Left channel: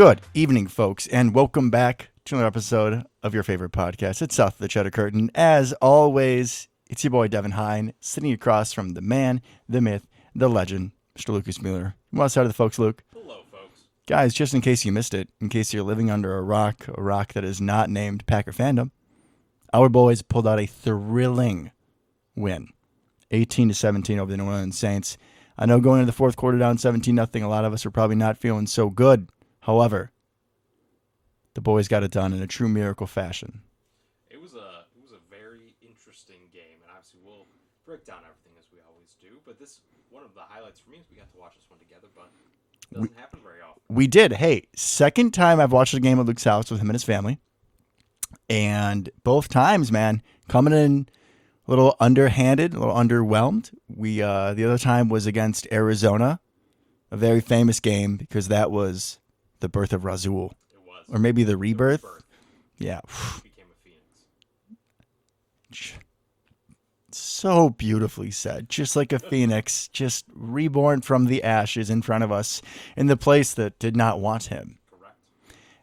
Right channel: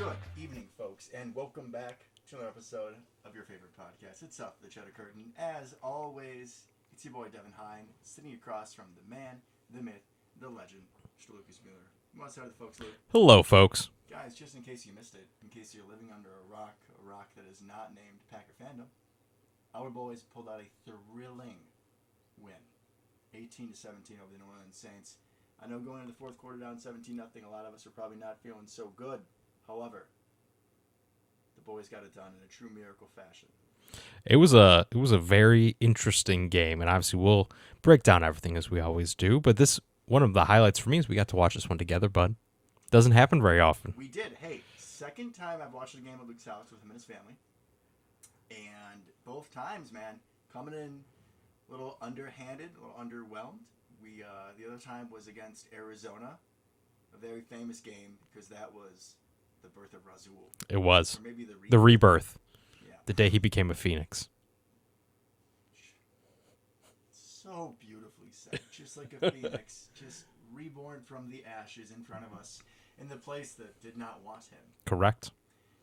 Good evening, folks, and welcome back to another episode of your favorite podcast. It's South of the Cheddar Curtain. As always, it's your boy Devin Hine, sitting across from the man, the myth, the legend, Mr. Lucas Mueller. Come on, side of the folks, Luke. Hello, folks. Guys, just in case you missed it, in case you're living under a rock that is not named Packer fandom, our boys pulled out a thrilling win, 18-17 over the New Orleans Saints. I know going into the fourth quarter down 17-0, a lot of us are probably not feeling so good. However, the boys got it done in a true miracle fashion. It was a very interesting game, and obviously we'll break down everything as we always do. But this one of the highlights for me is we got to watch this one together, bud. Doesn't happen very often. We did. Hey, second time I've watched a game at Luke's house with him and his family, and both times, man, coming in a little underhanded, a little underwhelmed. The other time was against Arizona, a very famous game because that was the birth of Razul. It was. Or maybe the rebirth. The rebirth. Yeah. The day he became a phoenix. So beautifully said. Just like a phoenix, just reborn from the ashes in front of us in the place that did not want him. Correct.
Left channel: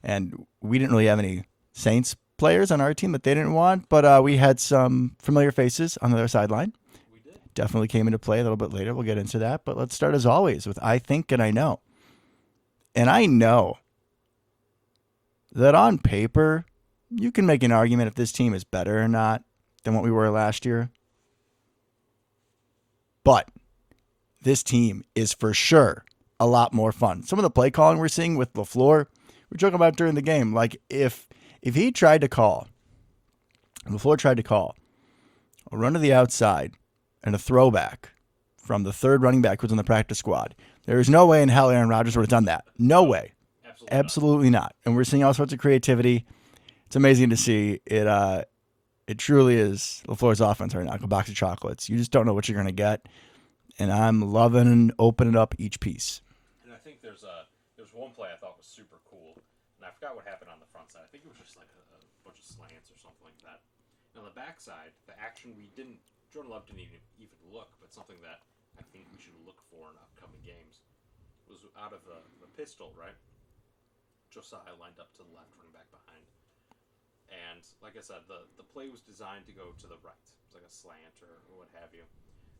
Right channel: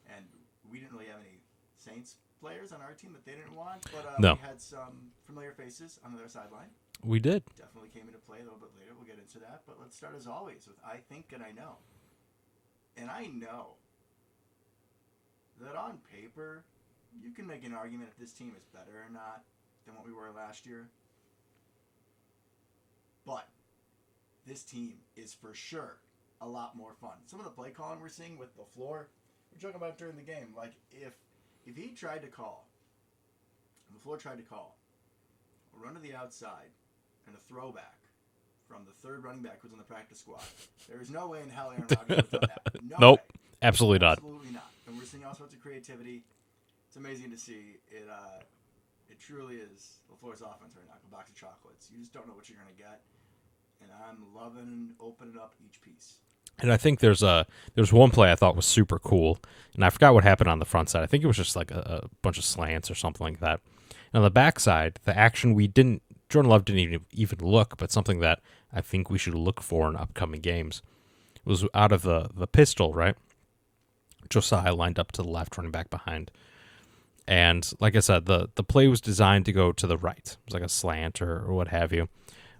And we didn't really have any Saints players on our team that they didn't want, but No. we had some familiar faces on the other sideline. We did. Definitely came into play a little bit later. We'll get into that. But let's start, as always, with I think and I know. And I know that on paper, you can make an argument if this team is better or not than what we were last year. But this team is for sure a lot more fun. Some of the play calling we're seeing with LaFleur, we're talking about during the game. Like if he tried to call, LaFleur tried to call a run to the outside and a throwback from the third running back who's on the practice squad, there is no way in hell Aaron Rodgers would have done that. No way. Absolutely not. And we're seeing all sorts of creativity. It's amazing to see. It truly is LaFleur's offense right now, like a box of chocolates. You just don't know what you're going to get. And I'm loving opening up each piece. And I think there's one play I thought was super cool, and I forgot what happened on the front side. I think it was just like a bunch of slants or something like that. And on the back side, the action Jordan Love didn't even look, but something that I think we should look for in upcoming games was out of the pistol, right? Josiah lined up to the left, running back behind. And like I said, the play was designed to go to the right. It was like a slant or what have you.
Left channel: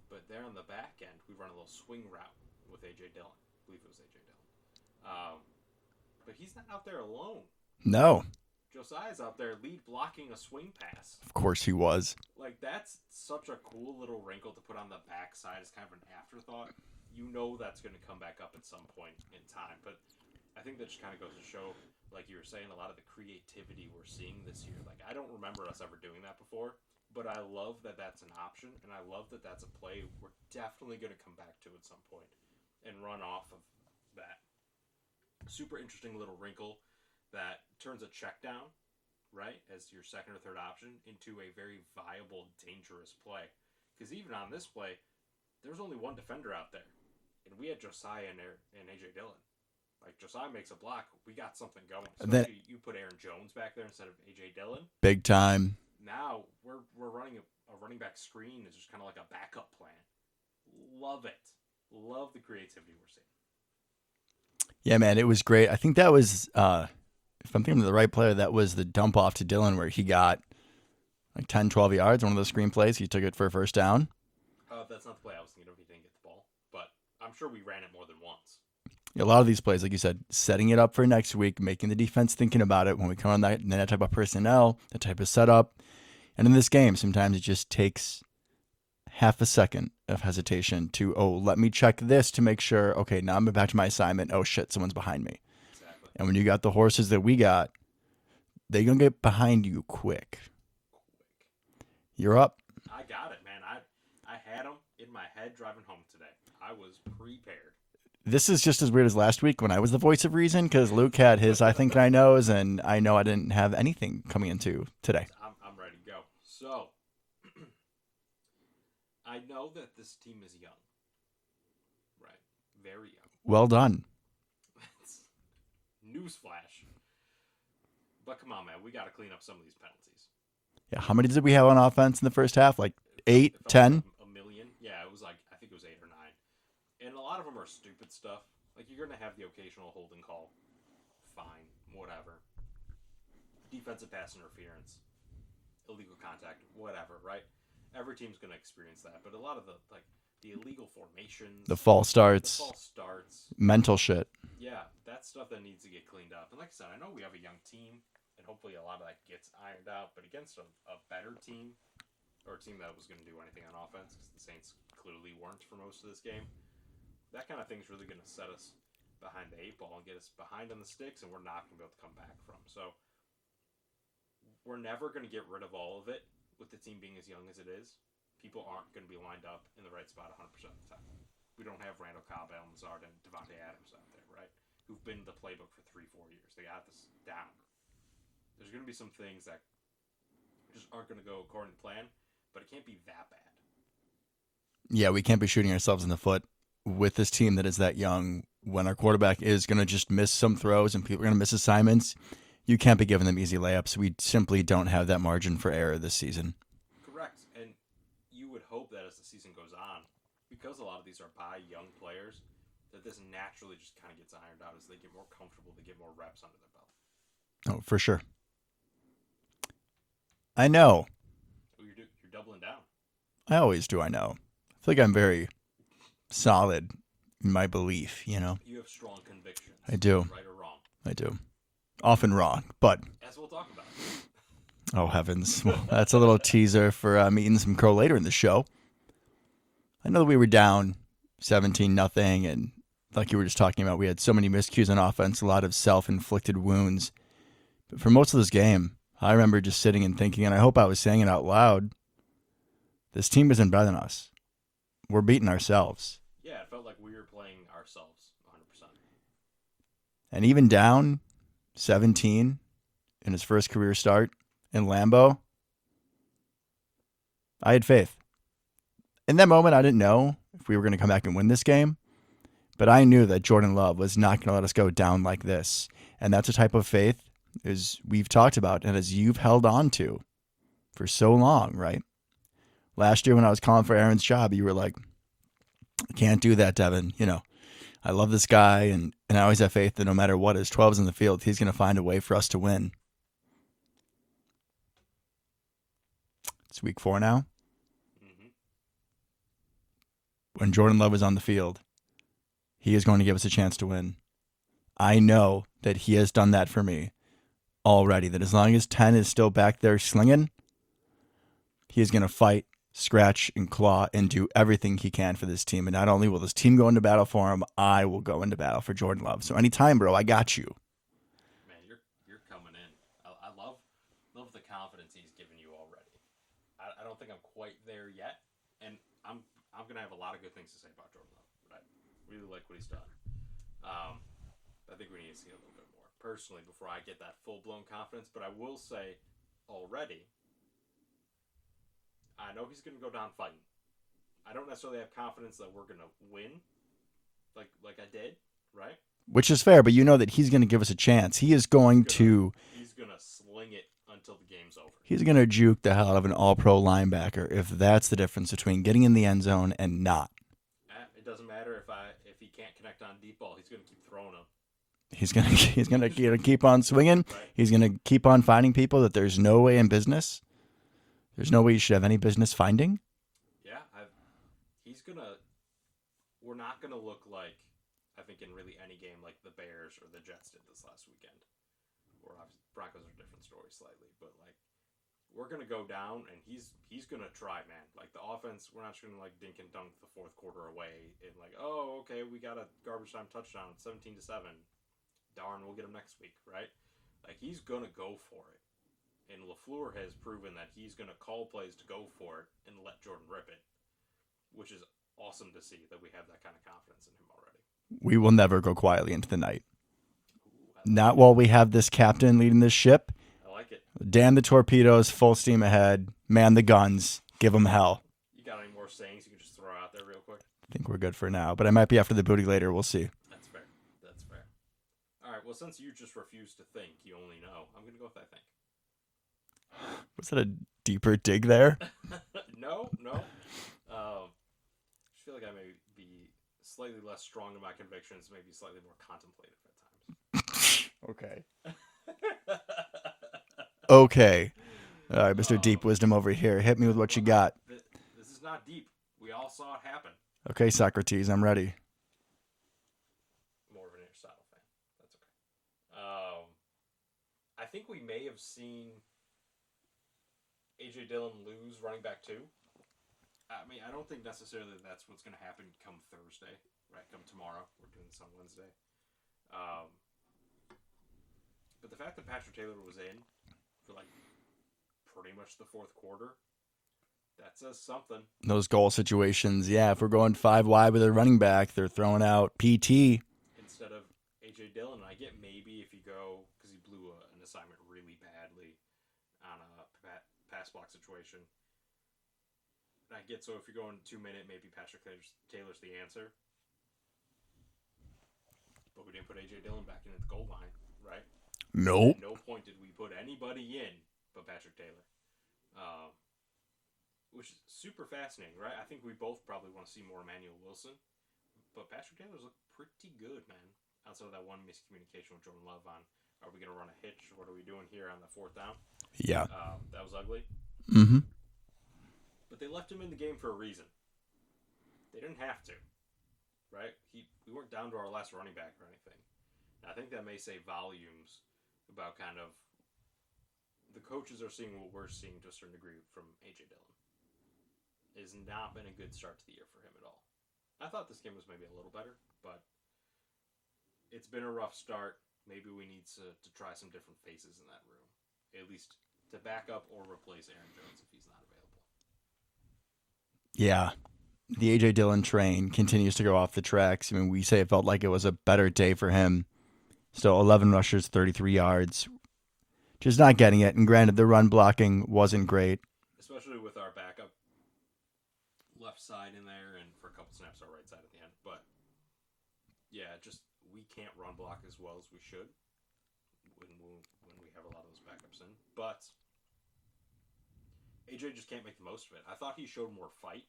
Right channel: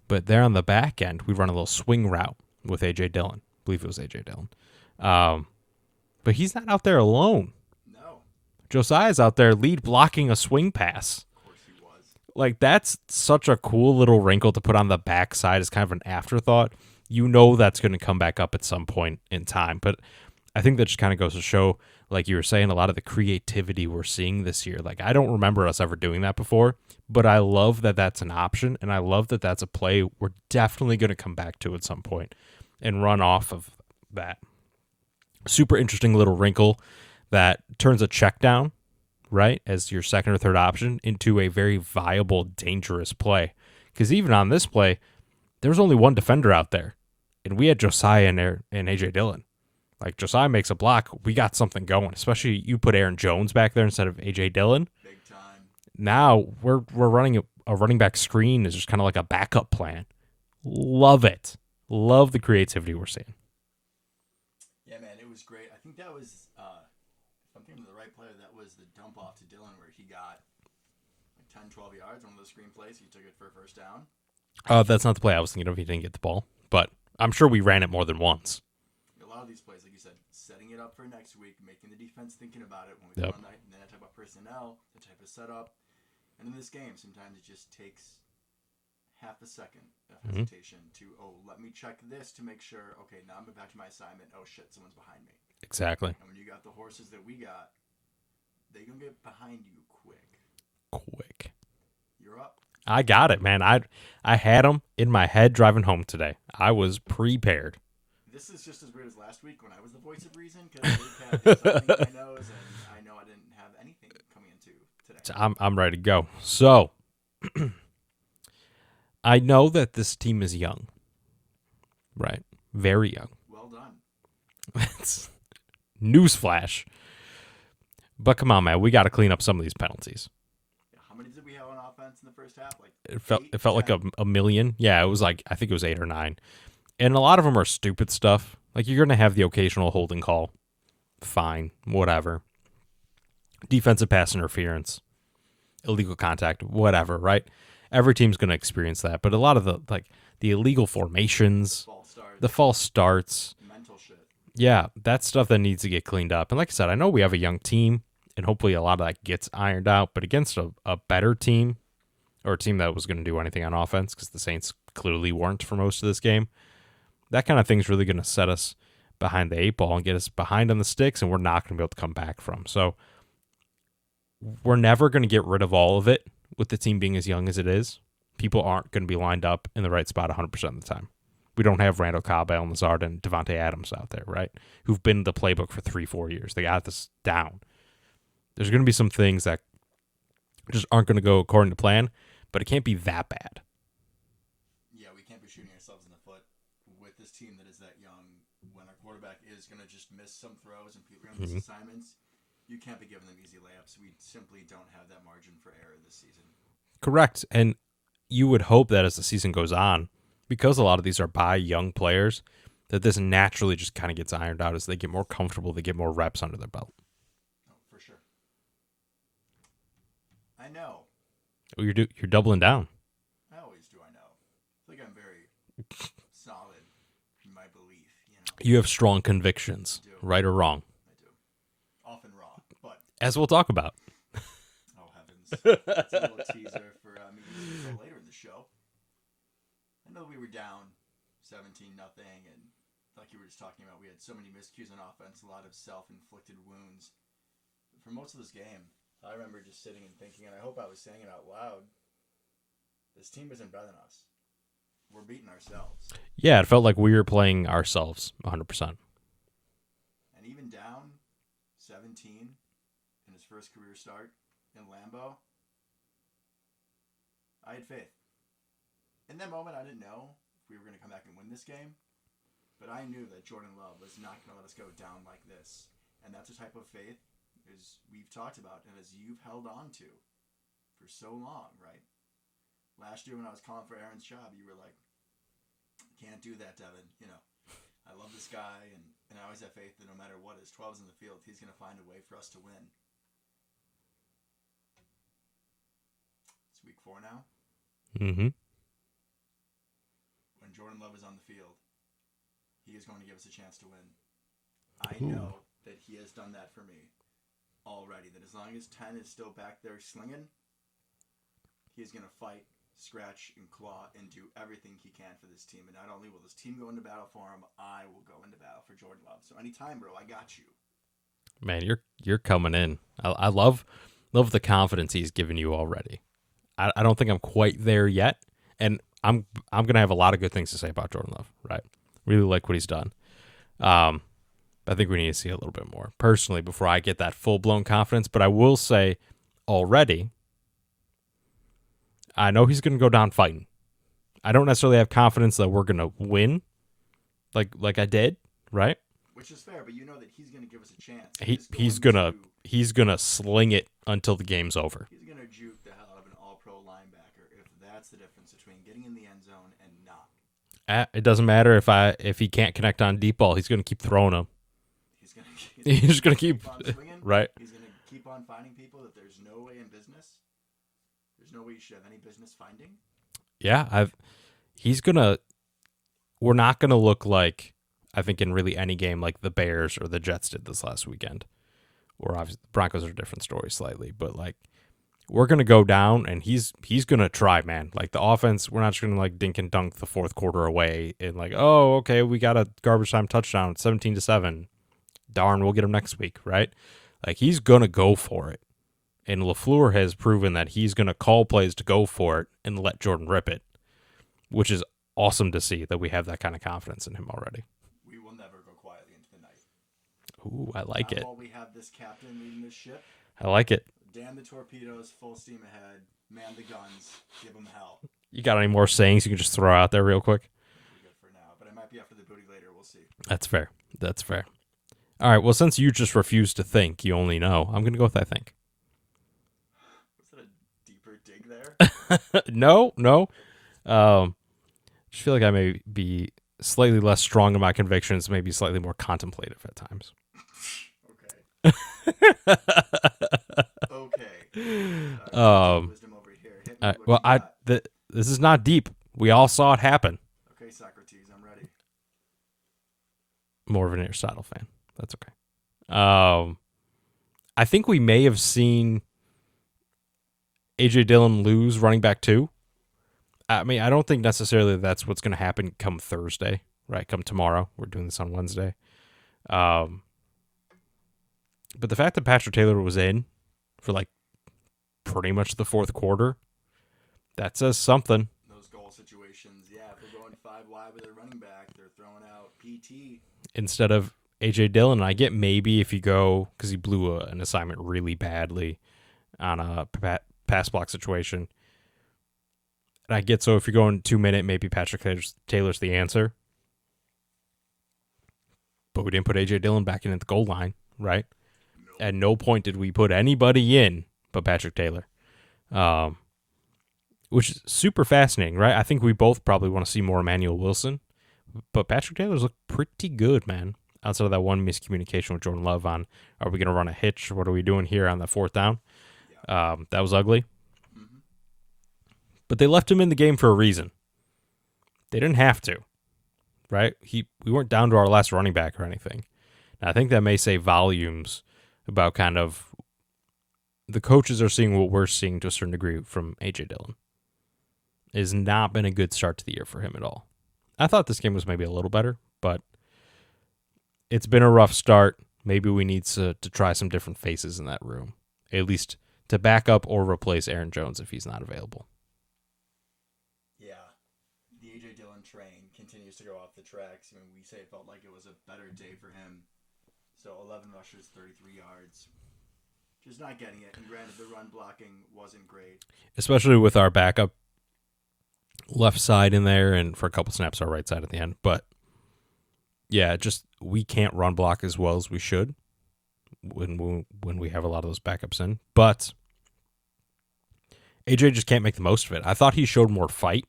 But there on the back end, we run a little swing route with A.J. Dillon. I believe it was A.J. Dillon. But he's not out there alone. No. Josiah's out there lead blocking a swing pass. Of course he was. Like, that's such a cool little wrinkle to put on the backside as kind of an afterthought. You know that's going to come back up at some point in time. But I think that just kind of goes to show, like you were saying, a lot of the creativity we're seeing this year. Like, I don't remember us ever doing that before, but I love that that's an option, and I love that that's a play we're definitely going to come back to at some point and run off of that. Super interesting little wrinkle that turns a check down, right, as your second or third option into a very viable, dangerous play. Because even on this play, there was only one defender out there, and we had Josiah and A.J. Dillon. Like, Josiah makes a block, we got something going, especially you put Aaron Jones back there instead of A.J. Dillon. Big time. Now we're running a running back screen is just kind of like a backup plan. Love it. Love the creativity we're seeing. Yeah, man, it was great. I think that was, if I'm thinking of the right player, that was the dump off to Dillon where he got like 10, 12 yards, one of those screen plays. He took it for a first down. That's not the play I was thinking of. He didn't get the ball, but I'm sure we ran it more than once. A lot of these plays, like you said, setting it up for next week, making the defense thinking about it when we come on that type of personnel, that type of setup. And in this game, sometimes it just takes half a second of hesitation to, let me check this to make sure, okay, now I'm back to my assignment. Oh, shit, someone's behind me. Exactly. And when you got the horses that we got, they're going to get behind you quick. You're up. I got it, man. I had them in my head driving home today. I was prepared. This is just as weird as last week when I was the voice of reason because Luke had his I think I knows, and I know I didn't have anything coming into today. I'm ready to go. So, I know that this team is young, right? Very young. Well done. That's newsflash. But come on, man. We got to clean up some of these penalties. Yeah, how many did we have on offense in the first half? Like It felt 10? like a million. Yeah, it was like, I think it was 8 or 9. And a lot of them are stupid stuff. Like, you're going to have the occasional holding call. fine, whatever. Defensive pass interference, illegal contact, whatever, right? Every team's going to experience that, but a lot of the illegal formations, The false starts, mental shit. yeah, that's stuff that needs to get cleaned up. And like I said, I know we have a young team, and hopefully a lot of that gets ironed out, but against a better team, or a team that was going to do anything on offense, because the Saints clearly weren't for most of this game, that kind of thing's really going to set us behind the 8 ball and get us behind on the sticks, and we're not going to be able to come back from. So we're never going to get rid of all of it with the team being as young as it is. People aren't going to be lined up in the right spot 100% of the time. We don't have Randall Cobb, Allen Lazard, and Devontae Adams out there, right? Who've been in the playbook for 3-4 years. They got this down. There's going to be some things that just aren't going to go according to plan, but it can't be that bad. Yeah, we can't be shooting ourselves in the foot with this team that is that young. When our quarterback is going to just miss some throws and people are going to miss assignments, you can't be giving them easy layups. We simply don't have that margin for error this season. Correct. And you would hope that as the season goes on, because a lot of these are by young players, that this naturally just kind of gets ironed out as they get more comfortable, they get more reps under their belt. Oh, for sure. I know. Oh, you're doubling down. I always do. I know. I feel like I'm very solid in my belief, you know. You have strong convictions. I do. Right or wrong. I do. Often wrong, but... As we'll talk about. Oh, heavens. Well, that's a little teaser for me eating some crow later in the show. I know that we were down 17-0, and like you were just talking about, we had so many miscues on offense, a lot of self-inflicted wounds. But for most of this game, I remember just sitting and thinking, and I hope I was saying it out loud, this team isn't better than us. We're beating ourselves. Yeah, it felt like we were playing ourselves 100%. And even down 17 in his first career start in Lambeau, I had faith. In that moment, I didn't know if we were going to come back and win this game, but I knew that Jordan Love was not going to let us go down like this. And that's a type of faith as we've talked about and as you've held on to for so long, right? Last year when I was calling for Aaron's job, you were like, I can't do that, Devin. You know, I love this guy, and I always have faith that no matter what his 12's in the field, he's going to find a way for us to win. It's week 4 now. Mm-hmm. When Jordan Love is on the field, he is going to give us a chance to win. I know that he has done that for me already, that as long as 10 is still back there slinging, he is going to fight, scratch, and claw, and do everything he can for this team. And not only will this team go into battle for him, I will go into battle for Jordan Love. So anytime, bro, I got you. Man, you're coming in. I love the confidence he's given you already. I don't think I'm quite there yet, and I'm gonna have a lot of good things to say about Jordan Love. Right, really like what he's done. I think we need to see a little bit more personally before I get that full blown confidence. But I will say already, I know he's gonna go down fighting. I don't necessarily have confidence that we're gonna win, like I did, right? Which is fair, but you know that he's going to give us a chance. He's going to sling it until the game's over. He's going to juke the hell out of an all-pro linebacker if that's the difference between getting in the end zone and not. It doesn't matter if he can't connect on deep ball. He's going to keep throwing them. He's going to keep on swinging. Right. He's going to keep on finding people that there's no way in business. There's no way you should have any business finding. Yeah, we're not going to look like, I think, in really any game like the Bears or the Jets did this last weekend. Or obviously the Broncos are a different story slightly, but like we're gonna go down and he's gonna try, man. Like the offense, we're not just gonna like dink and dunk the fourth quarter away and like, oh, okay, we got a garbage time touchdown, 17-7. Darn, we'll get him next week, right? Like he's gonna go for it. And LaFleur has proven that he's gonna call plays to go for it and let Jordan rip it, which is awesome to see that we have that kind of confidence in him already. We will never go quietly into the night. Ooh, I like Not it. while we have this captain leading this ship. I like it. Damn the torpedoes, full steam ahead. Man the guns. Give them hell. You got any more sayings you can just throw out there real quick? I think we're good for now, but I might be after the booty later. We'll see. That's fair. That's fair. All right, well, since you just refuse to think, you only know, I'm going to go with I think. Was that a deeper dig there? No. Just feel like I may be slightly less strong in my convictions, maybe slightly more contemplative at times. Okay. Okay. All right, Mr. Deep Um, Wisdom over here. Hit me with what well, you got. this is not deep. We all saw it happen. Okay, Socrates, I'm ready. More of an Aristotle fan. That's okay. I think we may have seen AJ Dillon lose running back 2. I mean, I don't think necessarily that's what's going to happen come Thursday, right? Come tomorrow. We're doing this on Wednesday. But the fact that Patrick Taylor was in for like pretty much the fourth quarter, that says something. Those goal situations, yeah. If we're going 5 wide with a running back, they're throwing out PT. Instead of AJ Dillon. I get maybe if you go, because he blew an assignment really badly on a pass block situation. And I get, so if you're going 2 minute, maybe Patrick Taylor's the answer. But we didn't put AJ Dillon back in at the goal line, right? No. At no point did we put anybody in but Patrick Taylor. Which is super fascinating, right? I think we both probably want to see more Emmanuel Wilson. But Patrick Taylor's looked pretty good, man. Outside of that one miscommunication with Jordan Love on, are we going to run a hitch? What are we doing here on the 4th down? Yeah. That was ugly. Mm-hmm. But they left him in the game for a reason. They didn't have to, right? We weren't down to our last running back or anything. And I think that may say volumes about kind of the coaches are seeing what we're seeing to a certain degree from AJ Dillon. It has not been a good start to the year for him at all. I thought this game was maybe a little better, but it's been a rough start. Maybe we need to try some different faces in that room, at least to back up or replace Aaron Jones if he's not available. Yeah. The A.J. Dillon train continues to go off the tracks. I mean, we say it felt like it was a better day for him. Still 11 rushes, 33 yards. Just not getting it. And granted, the run blocking wasn't great. Especially with our backup left side in there and for a couple snaps our right side at the end. But, yeah, just we can't run block as well as we should when we have a lot of those backups in. But AJ just can't make the most of it. I thought he showed more fight.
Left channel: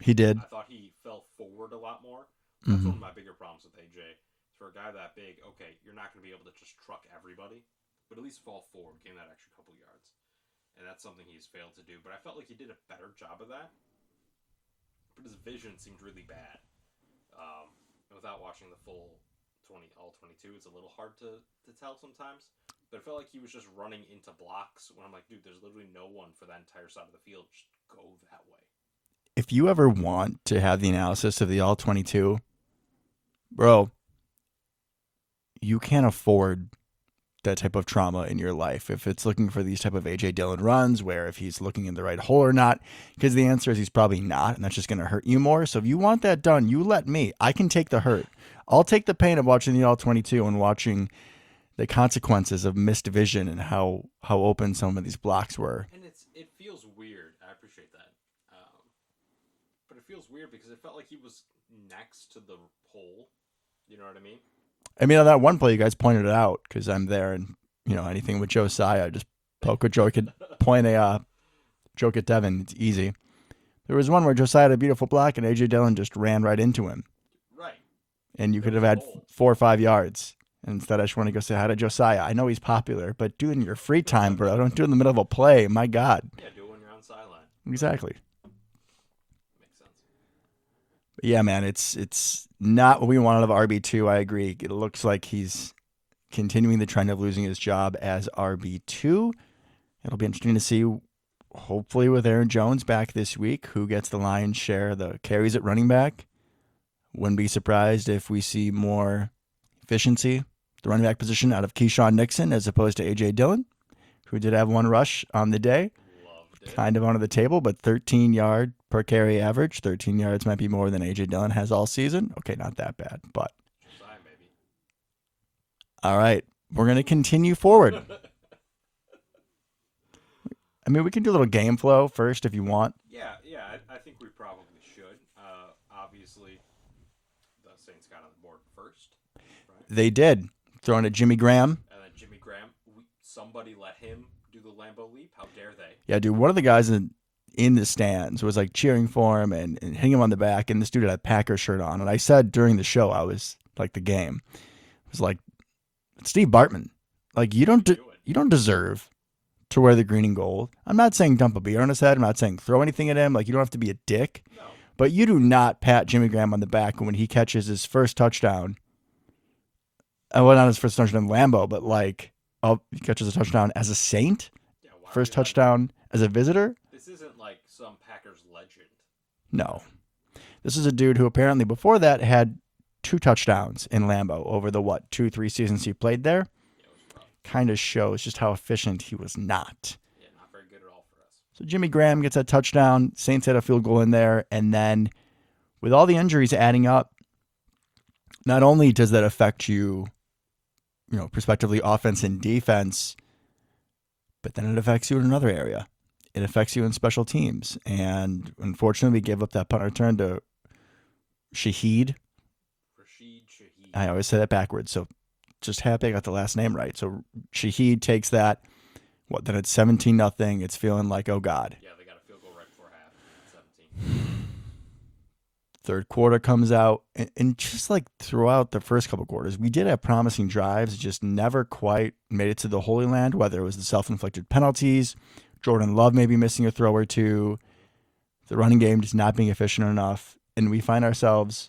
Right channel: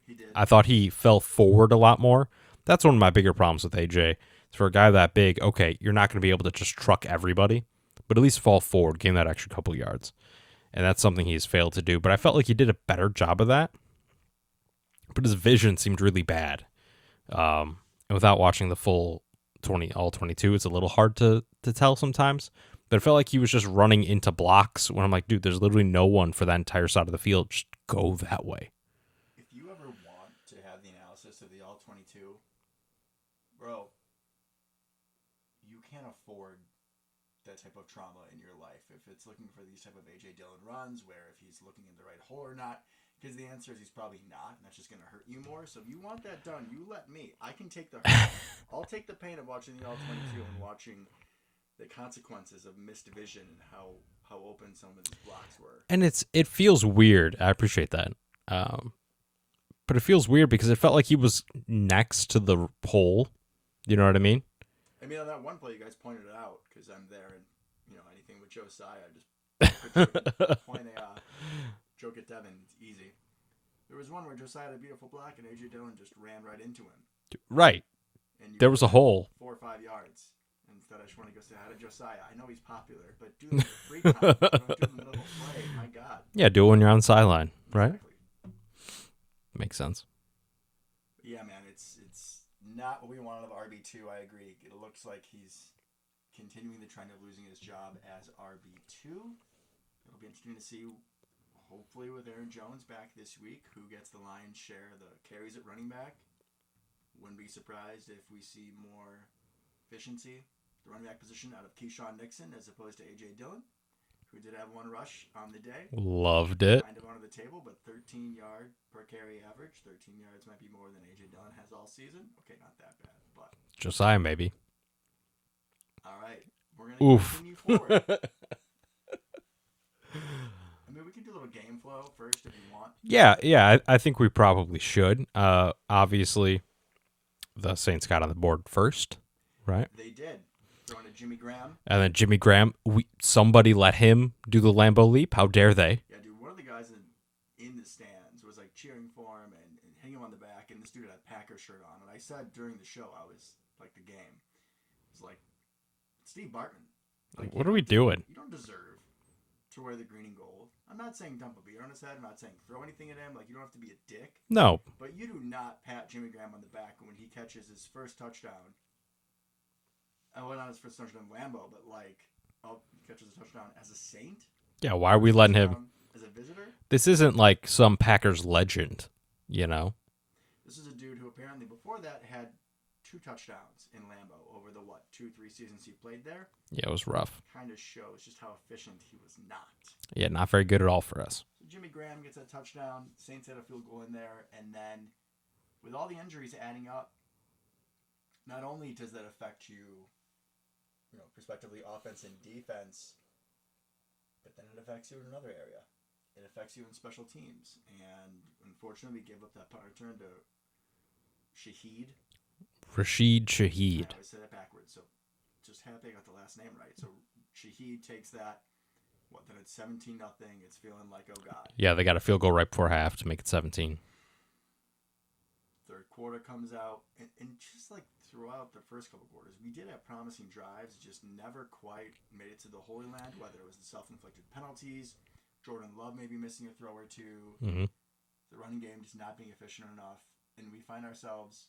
He did. I thought he fell forward a lot more. That's one of my bigger problems with AJ. For a guy that big, okay, you're not going to be able to just truck everybody, but at least fall forward, gain that extra couple yards. And that's something he's failed to do. But I felt like he did a better job of that. But his vision seemed really bad. And without watching the full all 22, it's a little hard to tell sometimes. But it felt like he was just running into blocks when I'm like, dude, there's literally no one for that entire side of the field. Just go that way. If you ever want to have the analysis of the all 22, bro, you can't afford that type of trauma in your life. If it's looking for these type of A.J. Dillon runs, where if he's looking in the right hole or not, because the answer is he's probably not, and that's just going to hurt you more. So if you want that done, you let me. I can take the hurt. I'll take the pain of watching the all 22 and watching the consequences of missed vision and how open some of these blocks were. And it feels weird. I appreciate that. But it feels weird because it felt like he was next to the hole. You know what I mean? I mean, on that one play, you guys pointed it out because I'm there, and anything with Josiah, just poke a joke at point a joke at Devin. It's easy. There was one where Josiah had a beautiful block, and AJ Dillon just ran right into him. Right. And there could was have a had hole 4 or 5 yards. And instead, I just want to go say hi to Josiah. I know he's popular, but do it in your free time, bro. Don't do it in the middle of a play. My God. Yeah, do it when you're on the sideline. Exactly. Right? Makes sense. But yeah, man, it's not what we want out of RB2. I agree. It looks like he's continuing the trend of losing his job as RB2. It'll be interesting to see, hopefully with Aaron Jones back this week, who gets the lion's share of the carries at running back. Wouldn't be surprised if we see more efficiency, the running back position, out of Keyshawn Nixon as opposed to A.J. Dillon, who did have 1 rush on the day. Loved it. Kind of under the table, but 13-yard per carry average. 13 yards might be more than A.J. Dillon has all season. Okay, not that bad, but. Josiah, maybe. All right, we're going to continue forward. I mean, we can do a little game flow first if you want. Yeah, I think we probably should. Obviously, the Saints got on the board first, right? They did. Throwing at Jimmy Graham. And then Jimmy Graham, somebody let him do the Lambeau leap. How dare they? Yeah, dude, one of the guys in the stands was like cheering for him and hitting him on the back, and this dude had a Packer shirt on. And I said during the show, I was like, the game. It was like, Steve Bartman. Like What are we doing? you don't deserve to wear the green and gold. I'm not saying dump a beer on his head. I'm not saying throw anything at him. Like, you don't have to be a dick. No. But you do not pat Jimmy Graham on the back when he catches his first touchdown. Well, not his first touchdown in Lambeau, but like, oh, he catches a touchdown as a Saint. Yeah, why are First we letting him? touchdown as a visitor. This isn't like some Packers legend, you No. know? This is a dude who apparently before that had 2 touchdowns in Lambeau over the 2-3 seasons he played there. Yeah, it was rough. Kind of shows just how efficient he was not. Yeah, not very good at all for us. So Jimmy Graham gets that touchdown. Saints had a field goal in there. And then with all the injuries adding up, not only does that affect you, prospectively offense and defense, but then it affects you in another area. It affects you in special teams. And unfortunately, we gave up that punt return to Rashid Shaheed. I always say that backwards. So just happy I got the last name right. So Shaheed takes that. Then it's 17-0. It's feeling like, oh God. Yeah, they got a field goal right before half to make it 17. Third quarter comes out, and just like throughout the first couple quarters, we did have promising drives, just never quite made it to the Holy Land, whether it was the self-inflicted penalties, Jordan Love maybe missing a throw or two, the running game just not being efficient enough, and we find ourselves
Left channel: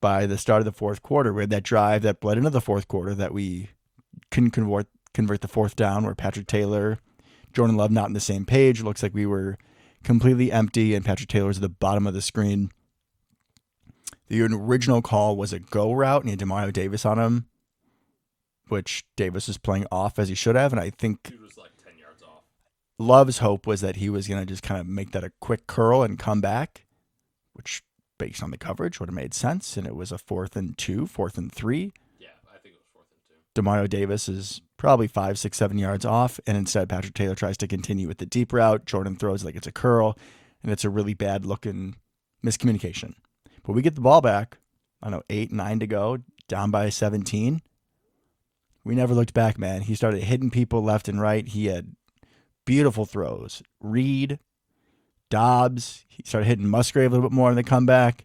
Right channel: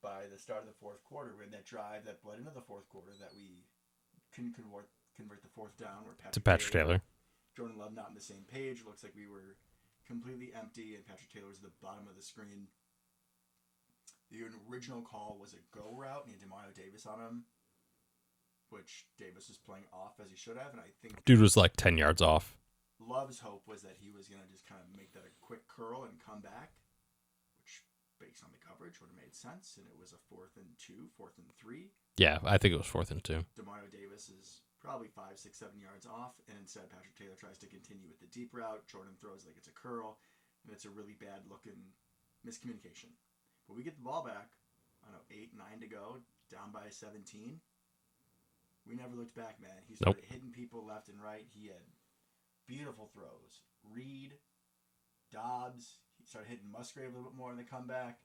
by the start of the fourth quarter, we had that drive that bled into the fourth quarter that we couldn't convert the fourth down, where Patrick Taylor, Jordan Love not on the same page. Looks like we were completely empty, and Patrick Taylor's at the bottom of the screen. The original call was a go route, and he had Demario Davis on him, which Davis was playing off as he should have, and I think Dude was like 10 yards off. Love's hope was that he was going to just kind of make that a quick curl and come back, which based on the coverage would have made sense, and it was a 4th and 2, 4th and 3. Yeah, I think it was 4th and 2. Demario Davis is probably 5, 6, 7 yards off, and instead Patrick Taylor tries to continue with the deep route. Jordan throws like it's a curl, and it's a really bad-looking miscommunication. But we get the ball back, 8, 9 to go, down by 17. We never looked back, man. He started hitting people left and right. He had beautiful throws. Reed, Dobbs, he started hitting Musgrave a little bit more in the comeback.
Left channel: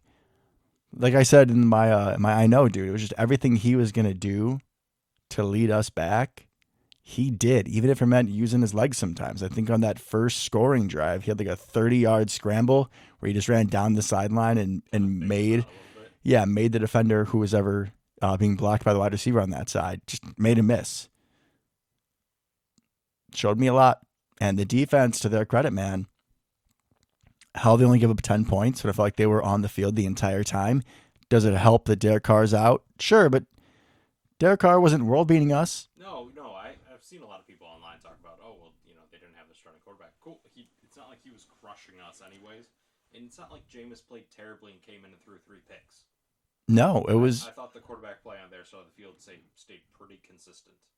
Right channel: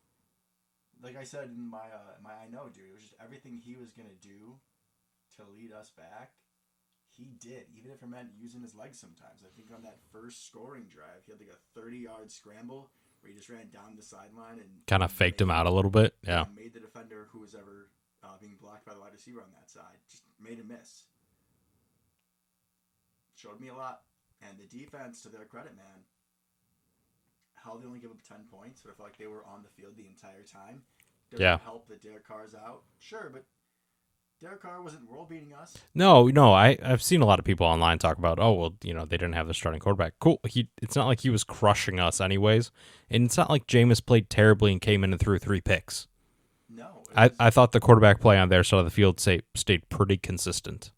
Like I said in my I know, dude, it was just everything he was going to do to lead us back, he did, even if it meant using his legs sometimes. I think on that first scoring drive, he had like a 30-yard scramble where he just ran down the sideline and kind of faked him out a little bit. Yeah, made the defender who was ever being blocked by the wide receiver on that side, just made him miss. Showed me a lot. And the defense, to their credit, man, how they only give up 10 points, but I felt like they were on the field the entire time. Does it help that Derek Carr's out? Sure, but Derek Carr wasn't world beating us. No, I've seen a lot of people online talk about, they didn't have the starting quarterback. Cool. It's not like he was crushing us anyways, and it's not like Jameis played terribly and came in and threw 3 picks. No, it was. I thought the quarterback play on their side of the field stayed pretty consistent.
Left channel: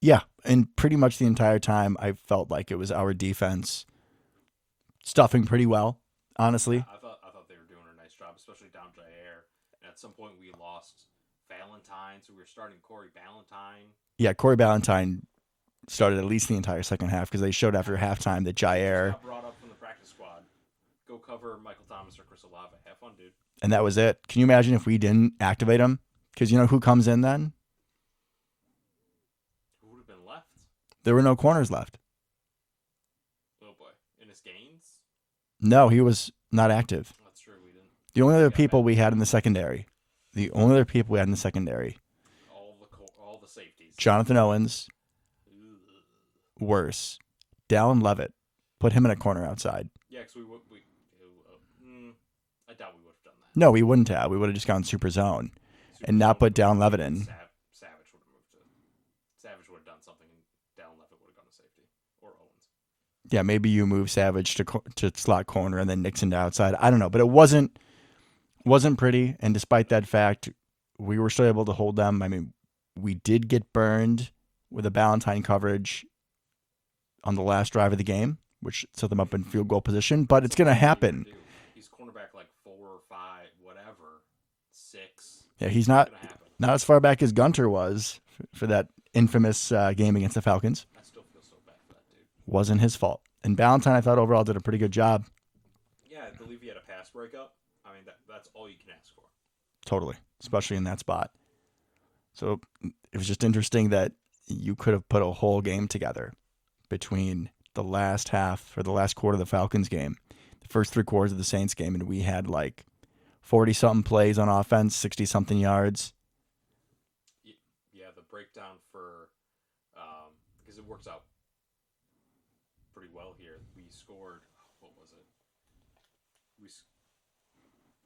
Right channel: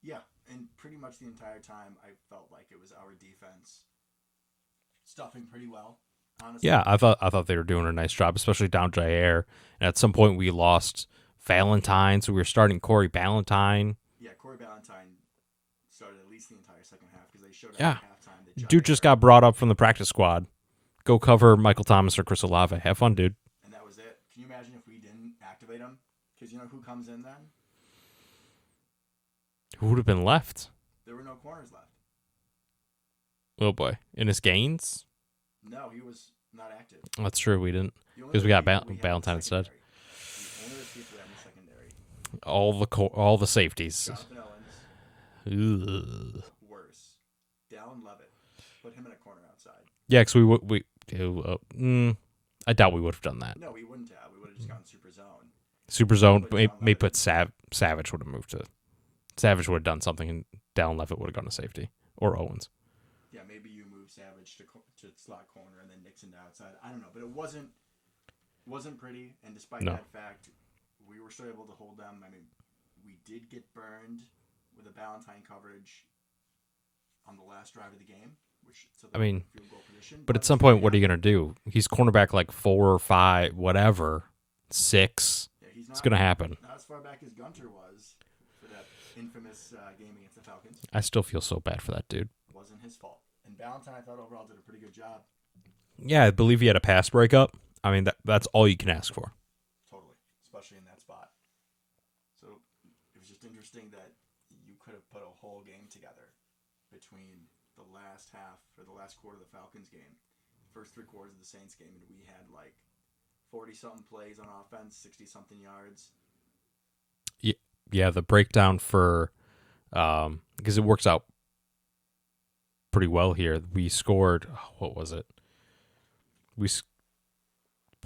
Yeah, and pretty much the entire time I felt like it was our defense stuffing pretty well, honestly. Yeah, I thought they were doing a nice job, especially down Jair. And at some point we lost Valentine, so we were starting Corey Ballantyne. Yeah, Corey Ballantyne started at least the entire second half because they showed after halftime that Jair... Dude just got brought up from the practice squad. Go cover Michael Thomas or Chris Olave. Have fun, dude. And that was it. Can you imagine if we didn't activate him? Because you know who comes in then? Who would have been left? There were no corners left. Oh, boy. Innis Gaines? No, he was not active. That's true. We didn't. The only other people we had in Valentine the secondary. The only other people we had in the secondary. All the safeties. Jonathan Owens. Ugh. Worse. Dallin Levitt. Put him in a corner outside. Yeah, because I doubt we would have done that. No, we wouldn't have. We would have just gone super zone. Super zone, put Dallin Levitt in. Savage would have moved to... Savage would have done something, and Dallin Levitt would have gone to safety. Or Owens. Yeah, maybe you move Savage to slot corner and then Nixon to outside. I don't know, but it wasn't pretty. And despite that fact, we were still able to hold them. I mean, we did get burned with a Ballantyne coverage on the last drive of the game, which set them up in field goal position. But it's going to happen. What are you going to do? He's cornerback like 4 or 5, whatever, 6. Yeah, he's not. It's going to happen. Not as far back as Gunter was for that infamous game against the Falcons. I still feel so bad for that dude. Wasn't his fault. And Ballantyne, I thought overall did a pretty good job. Yeah, I believe he had a pass breakup. I mean, that's all you can ask for. Totally, especially in that spot. So it was just interesting that you could have put a whole game together between the last half or the last quarter of the Falcons game, the first 3 quarters of the Saints game, and we had like 40-something plays on offense, 60-something yards. Yeah, the breakdown for because it works out pretty well here. We scored, what was it?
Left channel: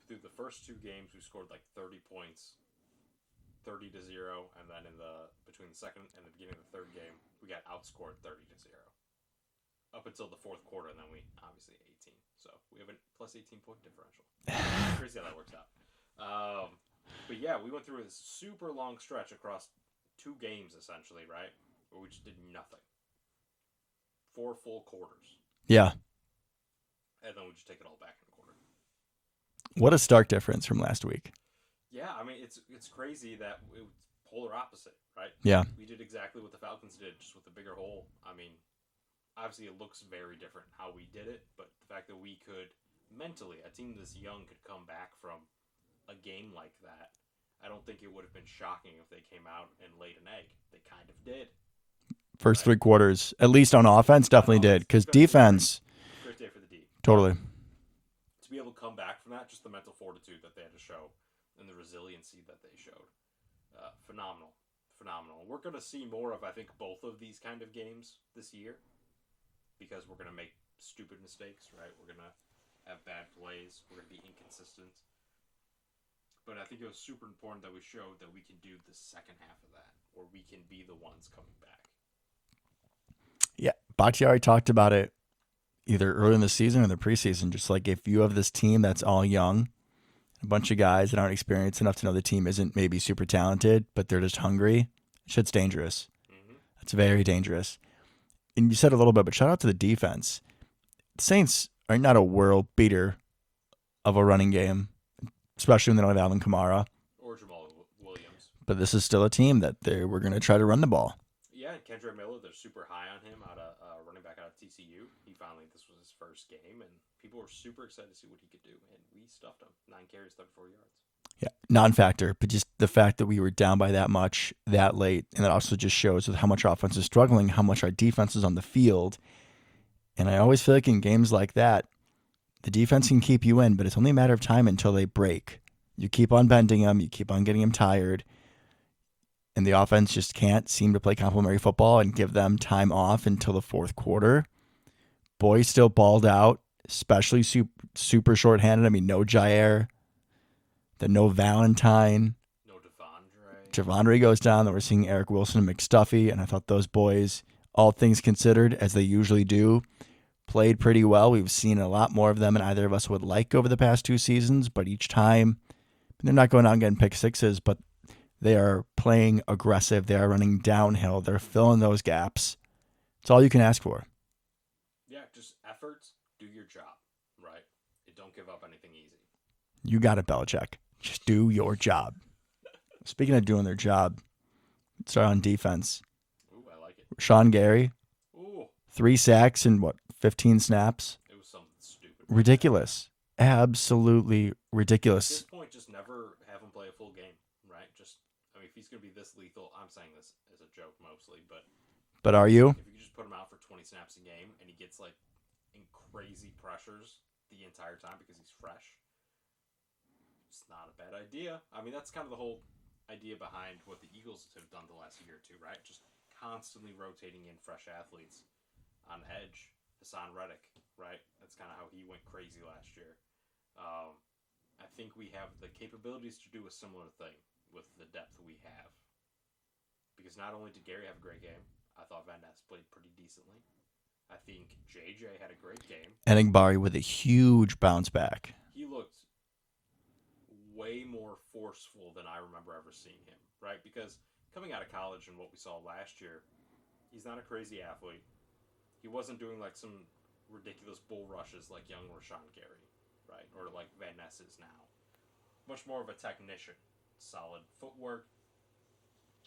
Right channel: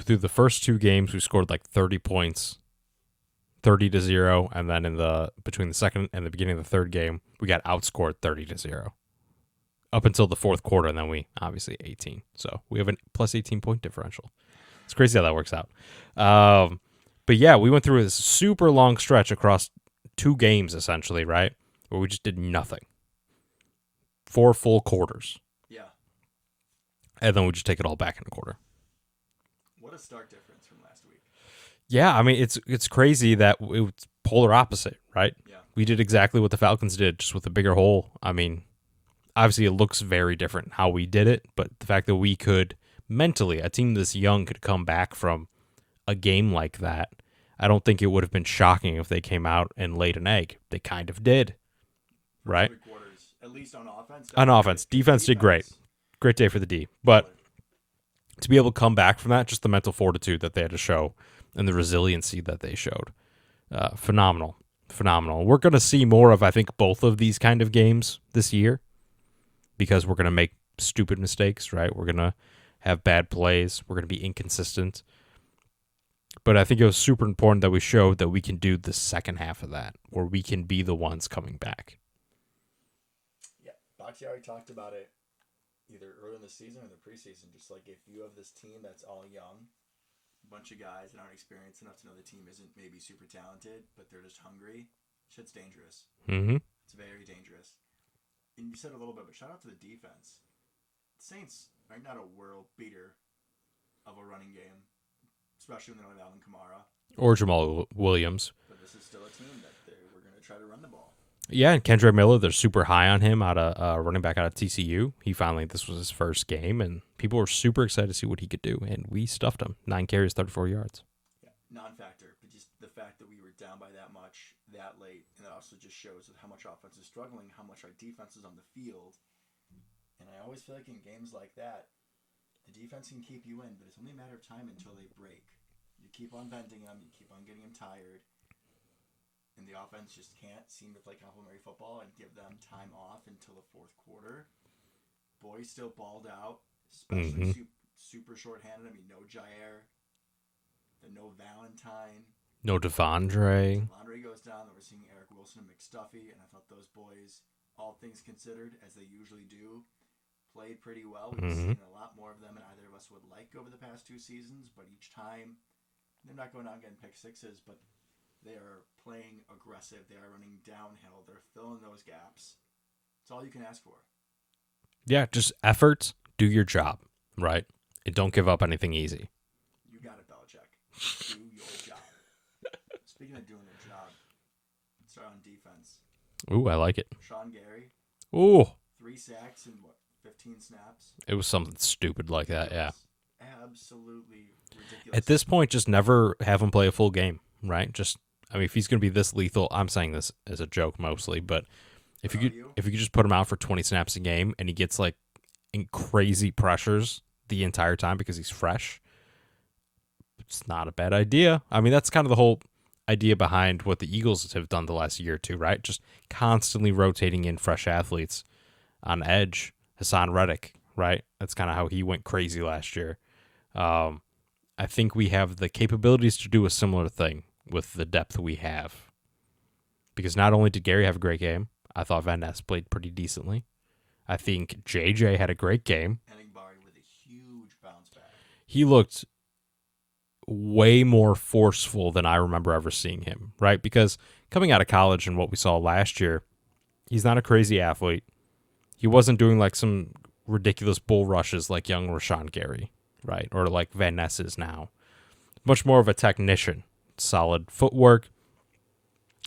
Through the first 2 games, we scored like 30 points, 30-0, and then between the second and the beginning of the third game, we got outscored 30-0 up until the fourth quarter, and then we obviously 18. So we have a plus 18-point differential. It's crazy how that works out. But yeah, we went through this super long stretch across 2 games essentially, right, where we just did nothing. 4 full quarters. Yeah. And then we just take it all back in a quarter. What a stark difference from last week. Yeah, I mean, it's crazy that it was polar opposite, right? Yeah. We did exactly what the Falcons did, just with a bigger hole. I mean, obviously it looks very different how we did it, but the fact that we could mentally, a team this young could come back from a game like that, I don't think it would have been shocking if they came out and laid an egg. They kind of did. First right? 3 quarters, at least on offense, definitely on offense. did. Defense did great. Great day for the D. Totally. But to be able to come back from that, just the mental fortitude that they had to show and the resiliency that they showed. Phenomenal. We're going to see more of, I think, both of these kind of games this year because we're going to make stupid mistakes, right? We're going to have bad plays. We're going to be inconsistent. But I think it was super important that we showed that we can do the second half of that, where we can be the ones coming back. Yeah, Bakhtiari talked about it either early in the season or the preseason. Just like if you have this team that's all young, a bunch of guys that aren't experienced enough to know the team isn't maybe super talented, but they're just hungry, shit's dangerous. Mm-hmm. It's very dangerous. And you said a little bit, but shout out to the defense. The Saints are not a world beater of a running game, especially when they don't have Alvin Kamara. Or Jamal Williams. But this is still a team that we're going to try to run the ball. Yeah, and Kendra Miller, they're super high on him out of running back out of TCU. This was his first game, and people were super excited to see what he could do, and we stuffed him. 9 carries, 34 yards. Yeah, non-factor, but just the fact that we were down by that much that late, and that also just shows with how much our offense is struggling, how much our defense is on the field. And I always feel like in games like that, the defense can keep you in, but it's only a matter of time until they break. You keep on bending them, you keep on getting them tired, and the offense just can't seem to play complementary football and give them time off until the fourth quarter. Boys still balled out, especially super shorthanded. I mean, no Jair, then no Valentine. No Devondre. Devondre goes down. Then we're seeing Eric Wilson and McStuffy, and I thought those boys, all things considered, as they usually do, played pretty well. We've seen a lot more of them than either of us would like over the past 2 seasons, but each time they're not going out and getting pick sixes, but they are playing aggressive. They are running downhill. They're filling those gaps. It's all you can ask for. Yeah, just effort, do your job, right? And don't give up anything easy. You got it, Belichick. Just do your job. Speaking of doing their job, let's start on defense. Ooh, I like it. Sean Gary. Ooh. 3 sacks in 15 snaps? It was something stupid like ridiculous. that. Yeah. Absolutely ridiculous. At this point, just never have him play a full game, right? If he's going to be this lethal, I'm saying this as a joke mostly, but are you? If you could just put him out for 20 snaps a game and he gets like in crazy pressures the entire time because he's fresh, it's not a bad idea. I mean, that's kind of the whole idea behind what the Eagles have done the last year or two, right? Just constantly rotating in fresh athletes on edge. Hassan Reddick, right? That's kind of how he went crazy last year. I think we have the capabilities to do a similar thing with the depth we have. Because not only did Gary have a great game, I thought Van Ness played pretty decently. I think JJ had a great game. Enigbari with a huge bounce back. He looked way more forceful than I remember ever seeing him, right? Because coming out of college and what we saw last year, he's not a crazy athlete. He wasn't doing like some ridiculous bull rushes like young Rashawn Gary, right? Or like Van Ness is now. Much more of a technician. Solid footwork,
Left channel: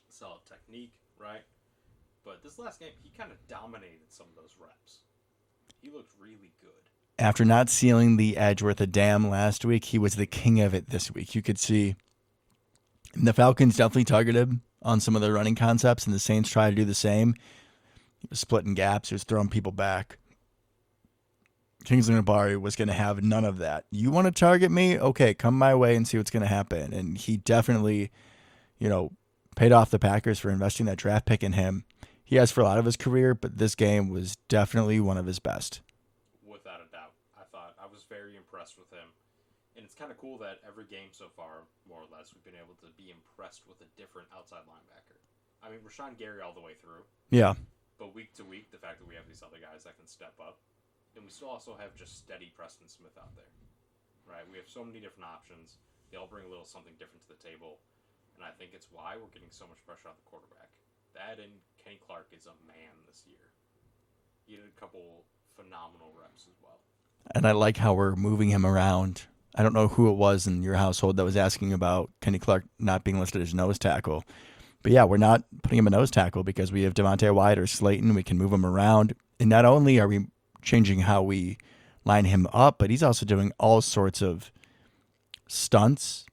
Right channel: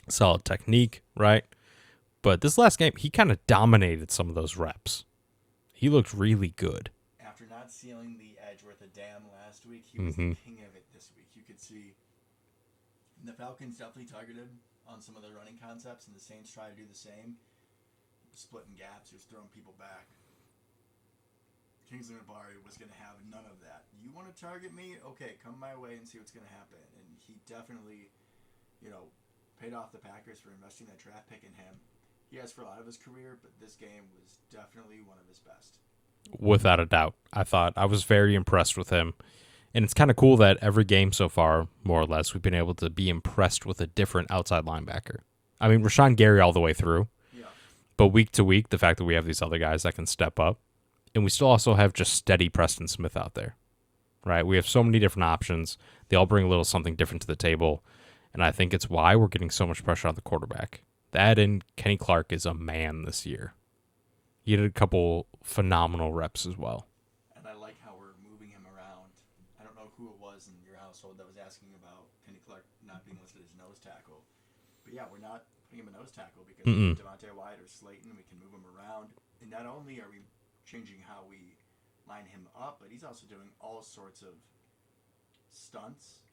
solid technique, right? But this last game, he kind of dominated some of those reps. He looked really good. After not sealing the edge worth a damn last week, he was the king of it this week. You could see And the Falcons definitely targeted on some of their running concepts, and the Saints try to do the same. He was splitting gaps, he was throwing people back. Kingsley Nabari was going to have none of that. You want to target me? Okay, come my way and see what's going to happen. And he definitely, paid off the Packers for investing that draft pick in him. He has for a lot of his career, but this game was definitely one of his best. Without a doubt. I was very impressed with him. And it's kind of cool that every game so far, more or less, we've been able to be impressed with a different outside linebacker. I mean, Rashawn Gary all the way through. Yeah. But week to week, the fact that we have these other guys that can step up. And we still also have just steady Preston Smith out there, right? We have so many different options. They all bring a little something different to the table. And I think it's why we're getting so much pressure on the quarterback. That and Kenny Clark is a man this year. He did a couple phenomenal reps as well. And I like how we're moving him around. I don't know who it was in your household that was asking about Kenny Clark not being listed as nose tackle. But yeah, we're not putting him a nose tackle because we have Devontae Wyatt or Slayton. We can move him around. And not only are we changing how we line him up, but he's also doing all sorts of stunts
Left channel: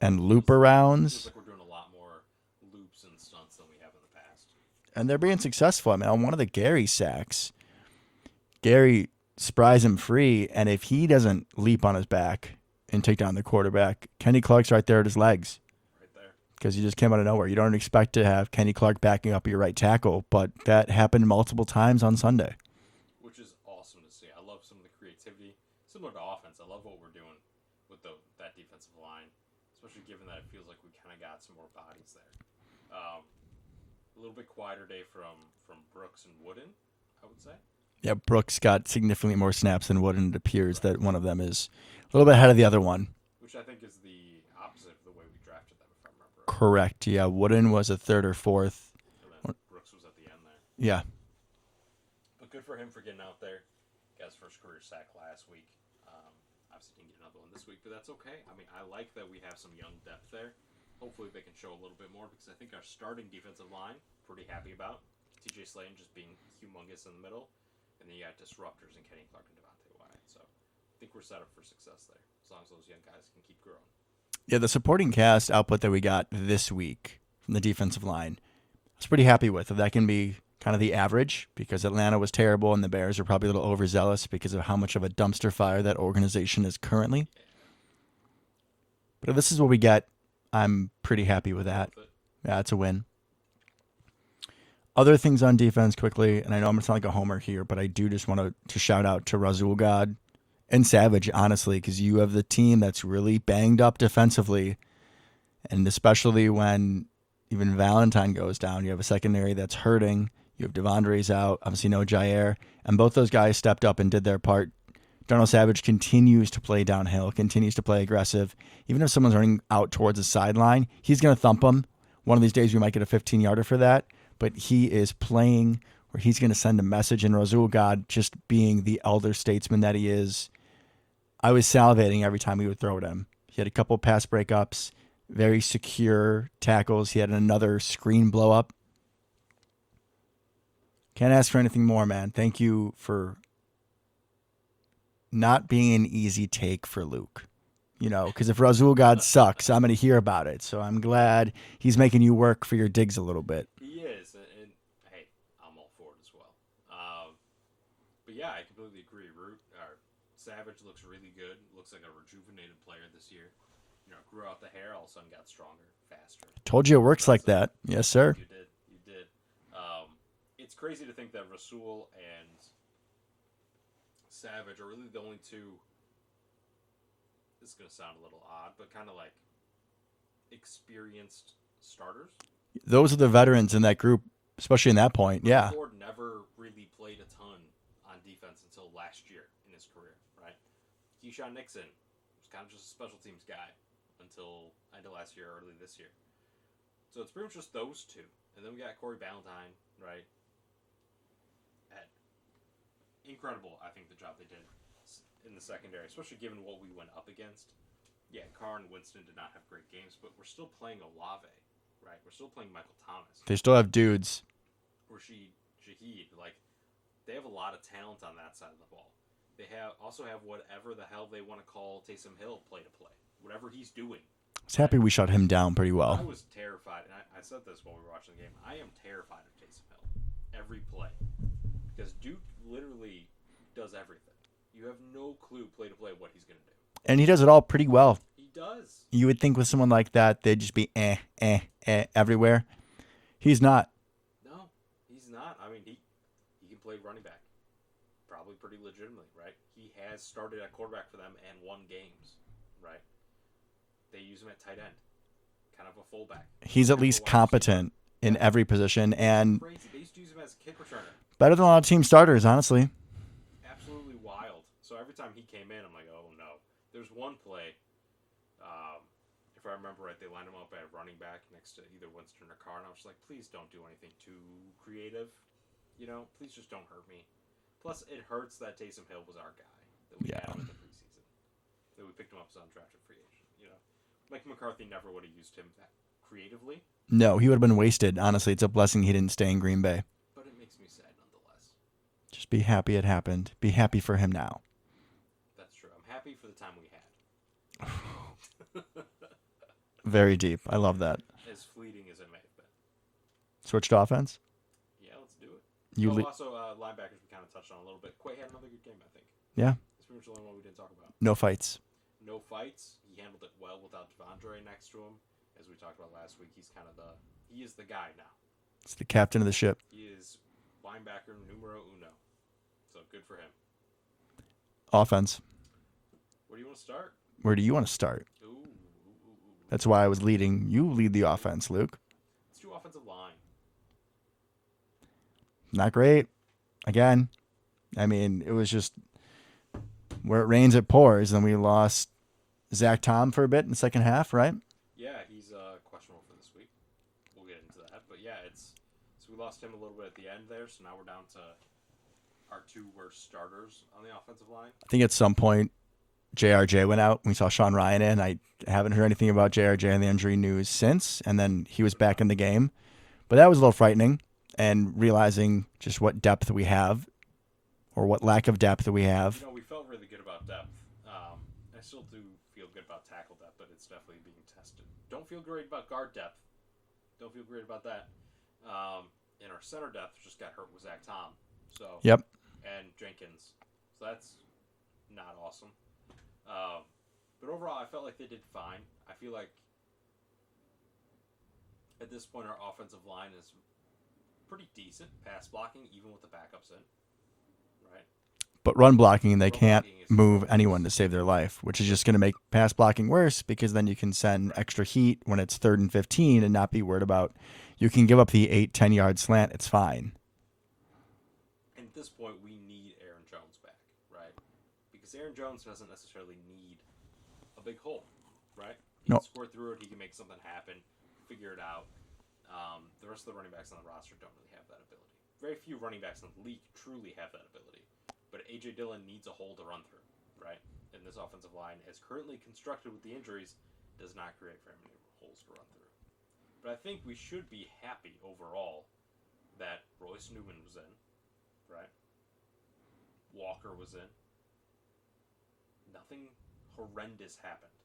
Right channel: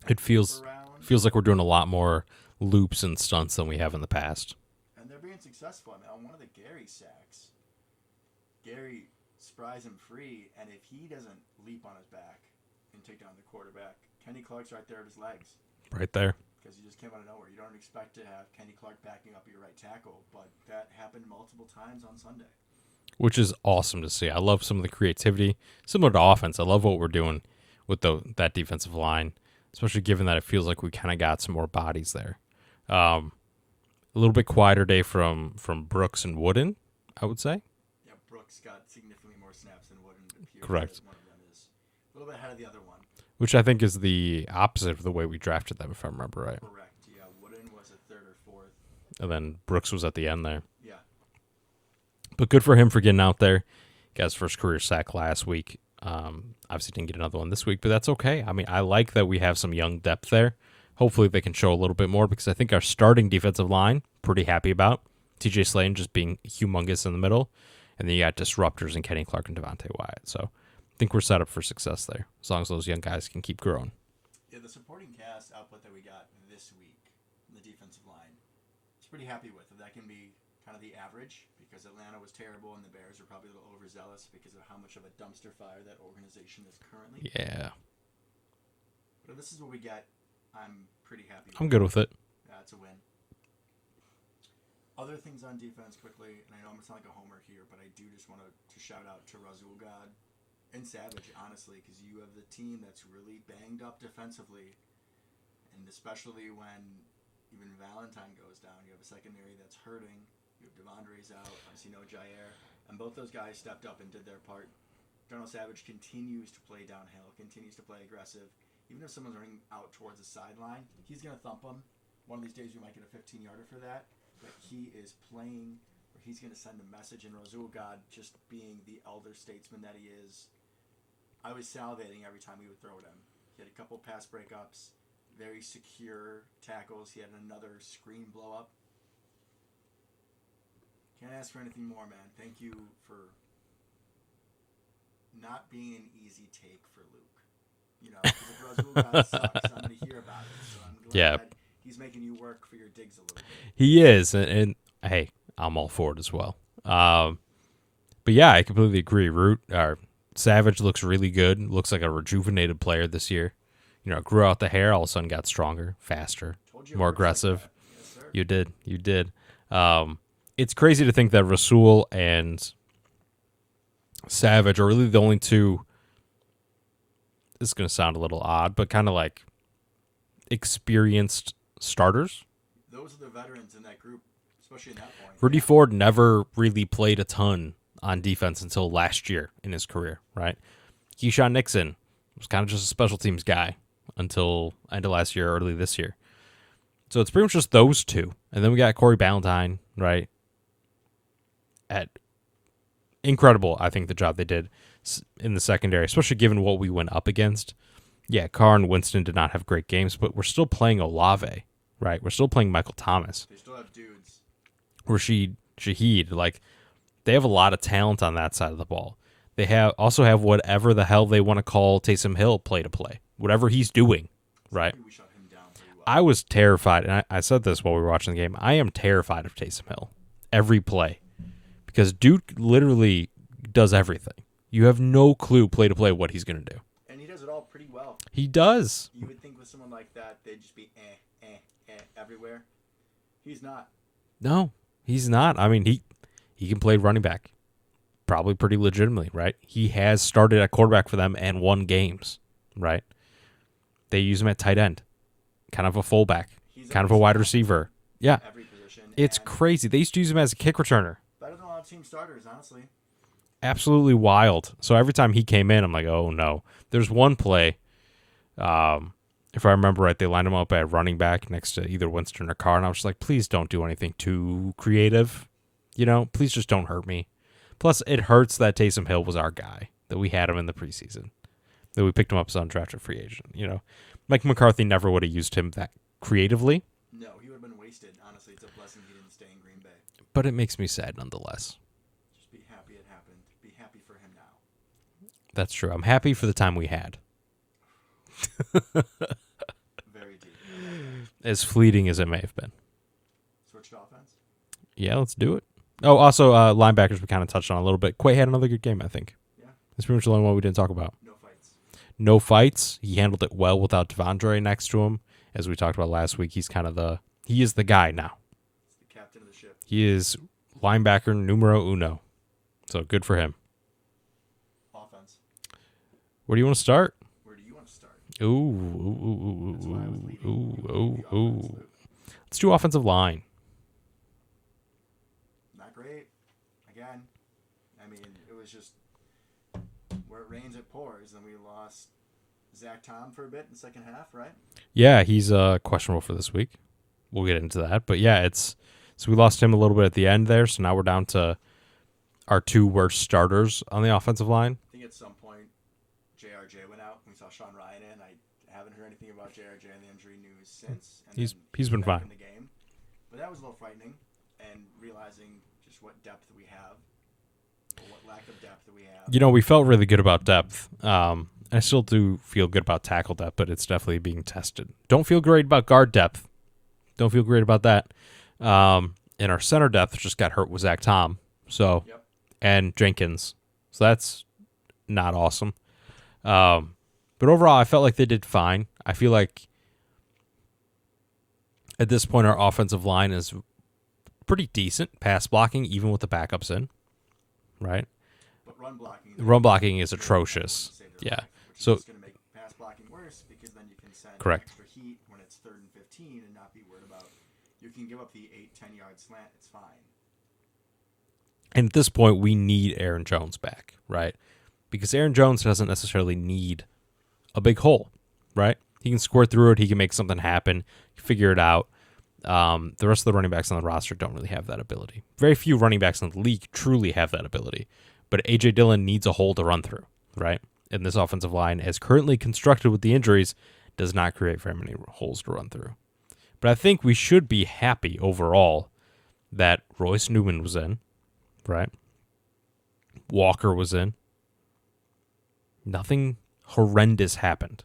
and loop arounds. Feels like we're doing a lot more loops and stunts than we have in the past. And they're being successful. I mean, on one of the Gary sacks, Gary spries him free, and if he doesn't leap on his back and take down the quarterback, Kenny Clark's right there at his legs. Right there. Because he just came out of nowhere. You don't expect to have Kenny Clark backing up your right tackle, but that happened multiple times on Sunday. Which is awesome to see. I love some of the creativity. Similar to offense, I love what we're doing with that defensive line, especially given that it feels like we kind of got some more bodies there. A little bit quieter day from Brooks and Wooden, I would say. Yeah, Brooks got significantly more snaps than Wooden. It appears that one of them is a little bit ahead of the other one. Which I think is the opposite of the way we drafted them, if I remember right. Correct, yeah. Wooden was a third or fourth. And then Brooks was at the end there. Yeah. But good for him for getting out there. Got his first career sack last week. Obviously didn't get another one this week, but that's okay. I mean, I like that we have some young depth there. Hopefully they can show a little bit more because I think our starting defensive line, pretty happy about. TJ Slayton just being humongous in the middle. And then you got disruptors in Kenny Clark and Devontae Wyatt. So I think we're set up for success there as long as those young guys can keep growing. Yeah, the supporting cast output that we got this week from the defensive line, I was pretty happy with. If that can be kind of the average, because Atlanta was terrible and the Bears are probably a little overzealous because of how much of a dumpster fire that organization is currently. Yeah. But if this is what we get, I'm pretty happy with that. I'm good with it. Yeah, it's a win. Other things on defense quickly, and I know I'm going to sound like a homer here, but I do just want to shout out to Razul God and Savage, honestly, because you have the team that's really banged up defensively, and especially when even Valentine goes down, you have a secondary that's hurting. You have Devondre's out, obviously no Jair, and both those guys stepped up and did their part. Darnell Savage continues to play downhill, continues to play aggressive. Even if someone's running out towards the sideline, he's going to thump them. One of these days we might get a 15-yarder for that, but he is playing where he's going to send a message, and Razul God, just being the elder statesman that he is, I was salivating every time he would throw at him. He had a couple pass breakups, very secure tackles. He had another screen blow up. Can't ask for anything more, man. Thank you for not being an easy take for Luke. Because if Razul God sucks, I'm going to hear about it. So I'm glad he's making you work for your digs a little bit. He is. And hey, I'm all for it as well. But yeah, I completely agree. Savage looks really good. Looks like a rejuvenated player this year. Grew out the hair, all of a sudden got stronger, faster. Told you it works aggressive. like that. Yes, sir. You did. It's crazy to think that Rasul and Savage are really the only two. This is going to sound a little odd, but kind of like experienced starters. Those are the veterans in that group, especially in that point. Ricky Ford never really played a ton on defense until last year in his career, right? Keyshawn Nixon was kind of just a special teams guy until end of last year, early this year. So it's pretty much just those two. And then we got Corey Ballantyne, right? Incredible, I think, the job they did in the secondary, especially given what we went up against. Yeah, Carr and Winston did not have great games, but we're still playing Olave, right? We're still playing Michael Thomas. They still have dudes. Rashid Shaheed, they have a lot of talent on that side of the ball. They also have whatever the hell they want to call Taysom Hill play to play. Whatever he's doing. right? Happy we shut him down pretty well. I was terrified, and I said this while we were watching the game. I am terrified of Taysom Hill every play because Duke literally does everything. You have no clue play to play what he's going to do. And he does it all pretty well. He does. You would think with someone like that, they'd just be everywhere. He's not. No, he's not. I mean, he can play running back probably pretty legitimately, right? He has started at quarterback for them and won games, right? They use him at tight end, kind of a fullback. He's at kind least of a wide competent receiver. in every position. It's and crazy. They used to use him as a kick returner. better than a lot of team starters, honestly. Absolutely wild. So every time he came in, I'm like, oh no. There's one play, if I remember right, they lined him up at running back next to either Winston or Carr, and I was just like, please don't do anything too creative. Please just don't hurt me. Plus, it hurts that Taysom Hill was our guy, that we had him in the preseason, that we picked him up as an undrafted free agent. Mike McCarthy never would have used him that creatively. No, he would have been wasted. Honestly, it's a blessing he didn't stay in Green Bay. But it makes me sad nonetheless. Just be happy it happened. Be happy for him now. That's true. I'm happy for the time we had. Very deep. I love that. As fleeting as it may have been. Switched offense? Yeah, let's do it. You Oh, would- also, linebackers we kind of touched on a little bit. Quay had another good game, I think. Yeah. That's pretty much the only one we didn't talk about. No fights. No fights. He handled it well without Devondre next to him. As we talked about last week, he is the guy now. It's the captain of the ship. He is linebacker numero uno. So good for him. Offense. Where do you want to start? Where do you want to start? Ooh. That's why I was leading. You lead the offense, Luke. Let's do offensive line. Not great. Again, I mean, it was just where it rains, it pours. And we lost Zach Tom for a bit in the second half, right? Yeah, he's questionable for this week. We'll get into that. But yeah, so we lost him a little bit at the end there. So now we're down to our two worst starters on the offensive line. I think at some point, JRJ went out. We saw Sean Ryan in. I haven't heard anything about JRJ and the injury news since. And then he was been back fine. in the game. But that was a little frightening. And realizing just what depth we have or what lack of depth we have. We felt really good about depth. I still do feel good about tackle depth, but it's definitely being tested. Don't feel great about guard depth. Don't feel great about that. And our center depth just got hurt with Zach Tom. So Yep. And Jenkins. So that's not awesome. But overall, I felt like they did fine. I feel like at this point, our offensive line is pretty decent pass blocking, even with the backups in, right? But run blocking, they Run can't blocking is move atrocious. anyone to save their Yeah. life, which is So- just going to make pass blocking worse because then you can send Correct. extra heat when it's 3rd and 15 and not be worried about you can give up the 8-10 yard slant. It's fine. And at this point, we need Aaron Jones back, right? Because Aaron Jones doesn't necessarily need a big hole, right? He can No. squirt through it. He can make something happen, figure it out. The rest of the running backs on the roster don't really have that ability. Very few running backs in the league truly have that ability. But A.J. Dillon needs a hole to run through, right? And this offensive line, as currently constructed with the injuries, does not create very many holes to run through. But I think we should be happy overall that Royce Newman was in, right? Walker was in. Nothing horrendous happened,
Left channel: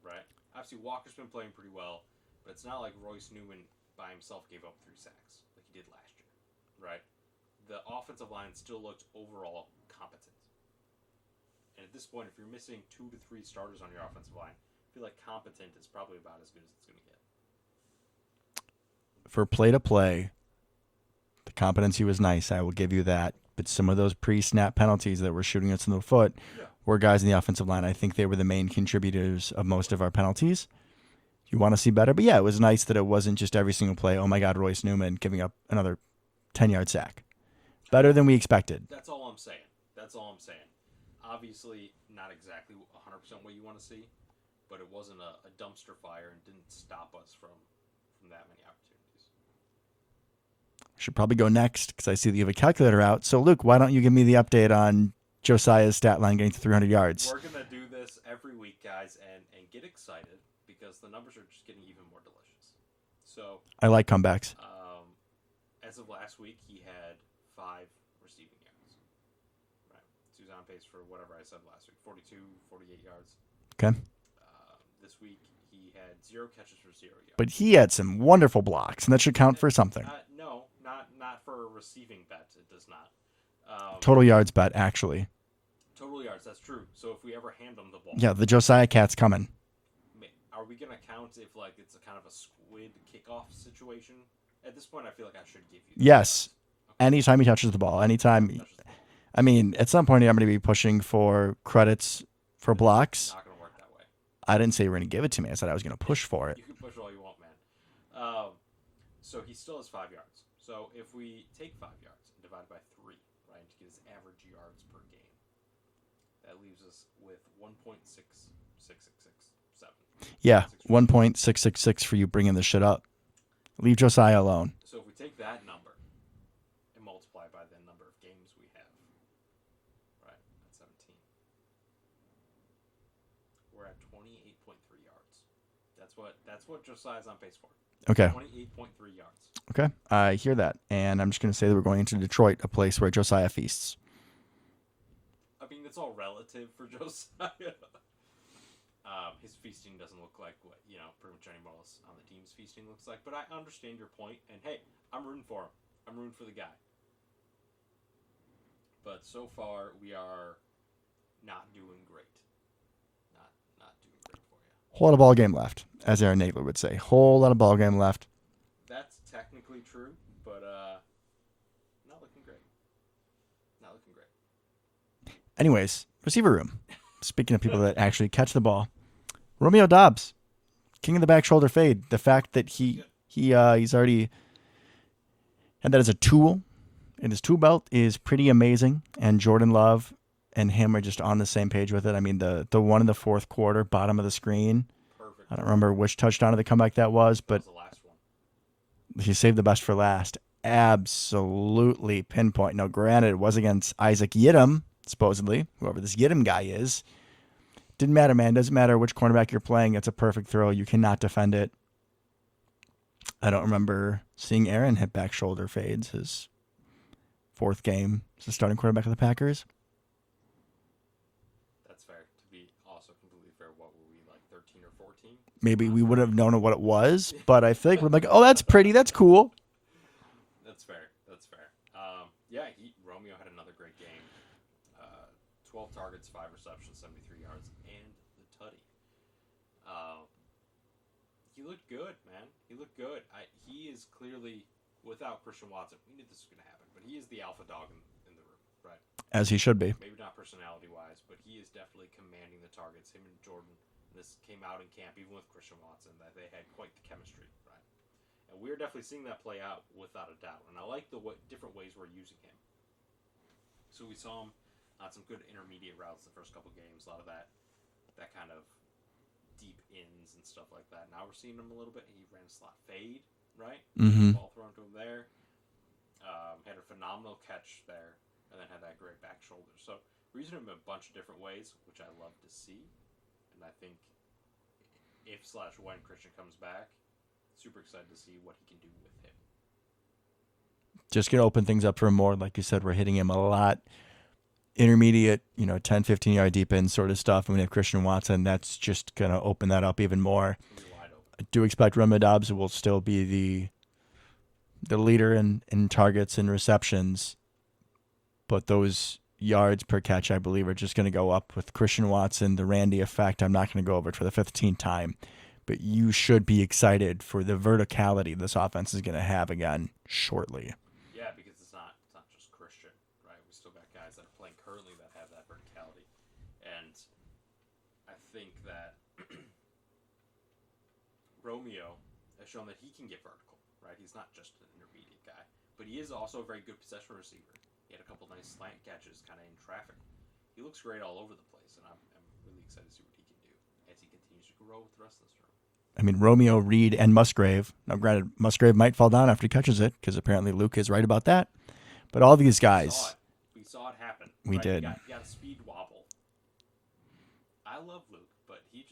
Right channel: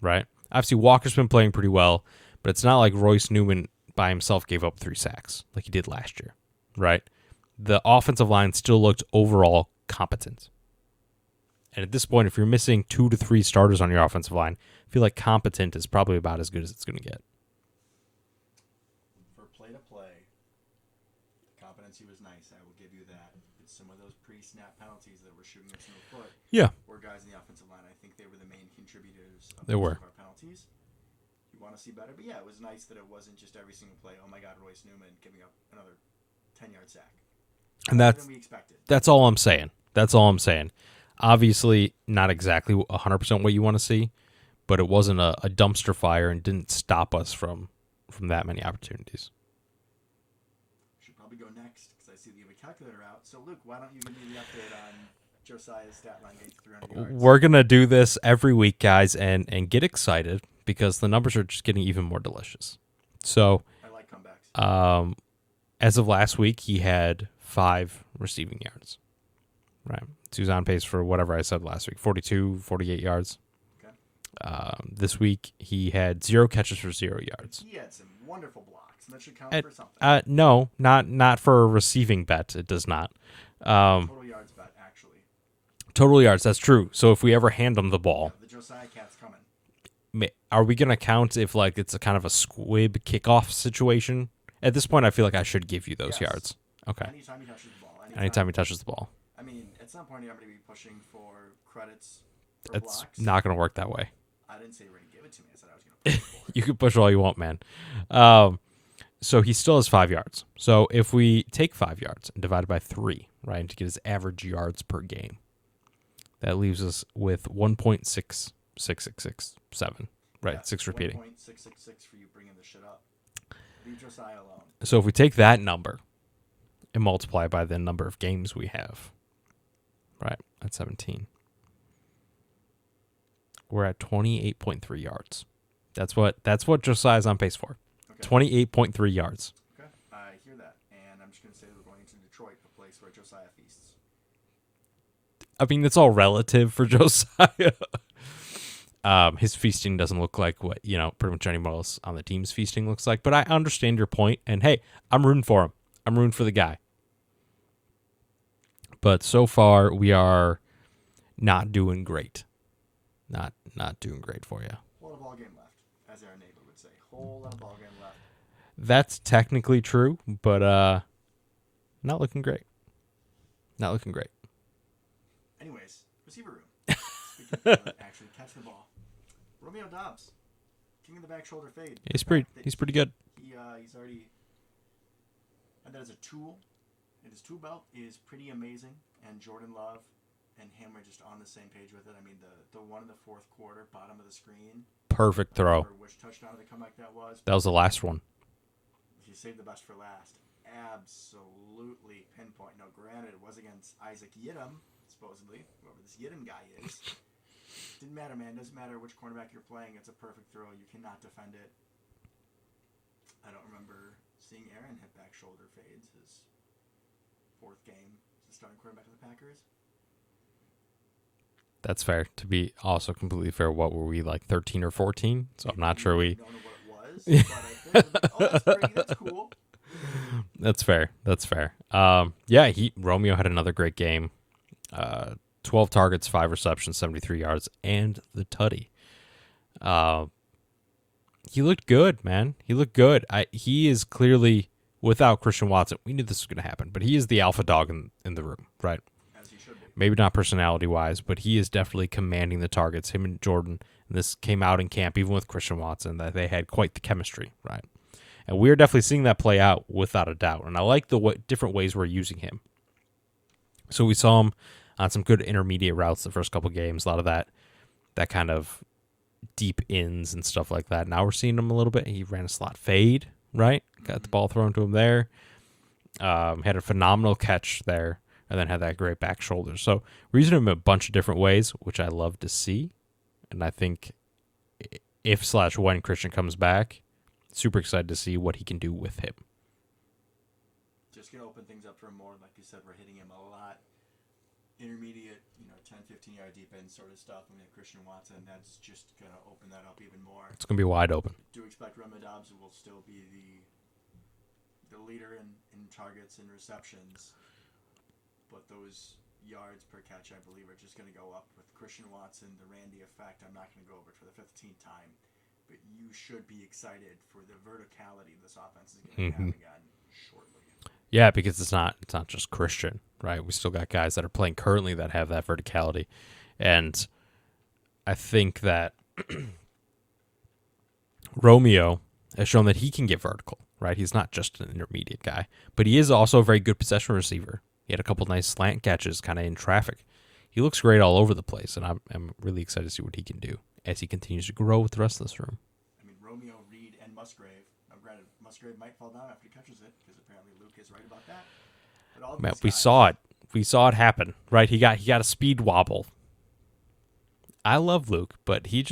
right? Obviously, Walker's been playing pretty well, but it's not like Royce Newman by himself gave up 3 sacks like he did last year, right? The offensive line still looked overall competent. And at this point, if you're missing 2 to 3 starters on your offensive line, I feel like competent is probably about as good as it's going to get. For play to play, the competency was nice. I will give you that. But some of those pre-snap penalties that were shooting us in the foot were guys in the offensive line. I think they were the main contributors of most of our penalties. You want to see better. But yeah, it was nice that it wasn't just every single play, oh my God, Royce Newman giving up another 10-yard sack. Better than we expected. That's all I'm saying. That's all I'm saying. Obviously, not exactly 100% what you want to see, but it wasn't a dumpster fire and didn't stop us from that many opportunities. Should probably go next because I see that you have a calculator out. So, Luke, why don't you give me the update on Josiah's stat line getting to 300 yards? We're going to do this every week, guys, and get excited because the numbers are just getting even more delicious. So, I like comebacks. as of last week, he had 5 receiving yards. Right. So he was on pace for whatever I said last week, 42, 48 yards. Okay. This week he had 0 catches for 0 yards. But he had some wonderful blocks, and that should count for something. No, not for a receiving bet. It does not. Total yards bet, actually. Total yards, that's true. So if we ever hand him the ball, Yeah, the Josiah Cat's coming. are we going to count if like it's a kind of a squib kickoff situation? At this point, I feel like I should give you those yards. Okay. Anytime he touches the ball. Anytime he touches the ball. I mean, at some point, I'm going to be pushing for credits for blocks. It's not going to work that way. I didn't say you were going to give it to me. I said I was going to push for it. You can push all you want, man. So he still has 5 yards. So if we take 5 yards and divide it by 3, right, to get his average yards per game, that leaves us with 1.6667. Right? Yeah, 1.666 for you bringing this shit up. Leave Josiah alone. So if we take that number and multiply by the number of games we have, right, at 17, we're at 28.3 yards. That's what Josiah's on pace for. Okay. 28.3 yards. Okay. I hear that. And I'm just going to say that we're going into Detroit, a place where Josiah feasts. I mean, it's all relative for Josiah. His feasting doesn't look like what, pretty much anyone else on the team's feasting looks like. But I understand your point. And, hey, I'm rooting for him. I'm rooting for the guy. But so far, we are not doing great. Not doing great for you. Whole lot of ball game left, as Aaron Nagler would say. Whole lot of ball game left. That's technically true, but not looking great. Not looking great. Anyways, receiver room. Speaking of people that actually catch the ball, Romeo Doubs, king of the back shoulder fade. He's pretty good. He's already had that as a tool, and his tool belt is pretty amazing. And Jordan Love and him are just on the same page with it. I mean, the one in the fourth quarter, bottom of the screen. Perfect throw. I don't remember which touchdown of the comeback that was. That was the last one. He saved the best for last. Absolutely pinpoint. Now, granted, it was against Isaac Yiadom, supposedly, whoever this Yiadom guy is. Didn't matter, man. Doesn't matter which cornerback you're playing. It's a perfect throw. You cannot defend it. I don't remember seeing Aaron hit back shoulder fades his fourth game as the starting quarterback of the Packers. That's fair. To be also completely fair, what were we, like 13 or 14? So maybe we would have known what it was, but I think we're like, oh, that's pretty. That's cool. That's fair. Yeah, Romeo had another great game. 12 targets, 5 receptions, 73 yards, and the tutty. He looked good, man. He looked good. He is clearly, without Christian Watson, we knew this was going to happen, but he is the alpha dog in the room, right? As he should be. Maybe not personality-wise, but he is definitely commanding the targets. Him and Jordan, and this came out in camp, even with Christian Watson, that they had quite the chemistry, right? And we're definitely seeing that play out without a doubt. And I like the different ways we're using him. So we saw him on some good intermediate routes the first couple games, a lot of that kind of deep ins and stuff like that. Now we're seeing him a little bit. He ran a slot fade, right? Mm-hmm. Got the ball thrown to him there. Had a phenomenal catch there. And then had that great back shoulder. So we're using him a bunch of different ways, which I love to see. And I think if/when Christian comes back, super excited to see what he can do with him. Just going to open things up for him more. Like you said, we're hitting him a lot. Intermediate, 10, 15-yard deep end sort of stuff. And we have Christian Watson. That's just going to open that up even more. It's going to be wide open. I do expect Romeo Doubs will still be the leader in targets and receptions. But those yards per catch, I believe, are just going to go up with Christian Watson, the Randy effect. I'm not going to go over it for the 15th time. But you should be excited for the verticality this offense is going to have again shortly. Yeah, because it's not just Christian, right? We still got guys that are playing currently that have that verticality. And I think that Romeo has shown that he can get vertical, right? He's not just an intermediate guy, but he is also a very good possession receiver. He had a couple nice slant catches kind of in traffic. He looks great all over the place, and I'm really excited to see what he can do as he continues to grow with the rest of this room. I mean, Romeo, Reed, and Musgrave. Now, granted, Musgrave might fall down after he catches it because apparently Luke is right about that. But all these guys. We saw it happen, right? did. He got a speed wobble. I love Luke, but he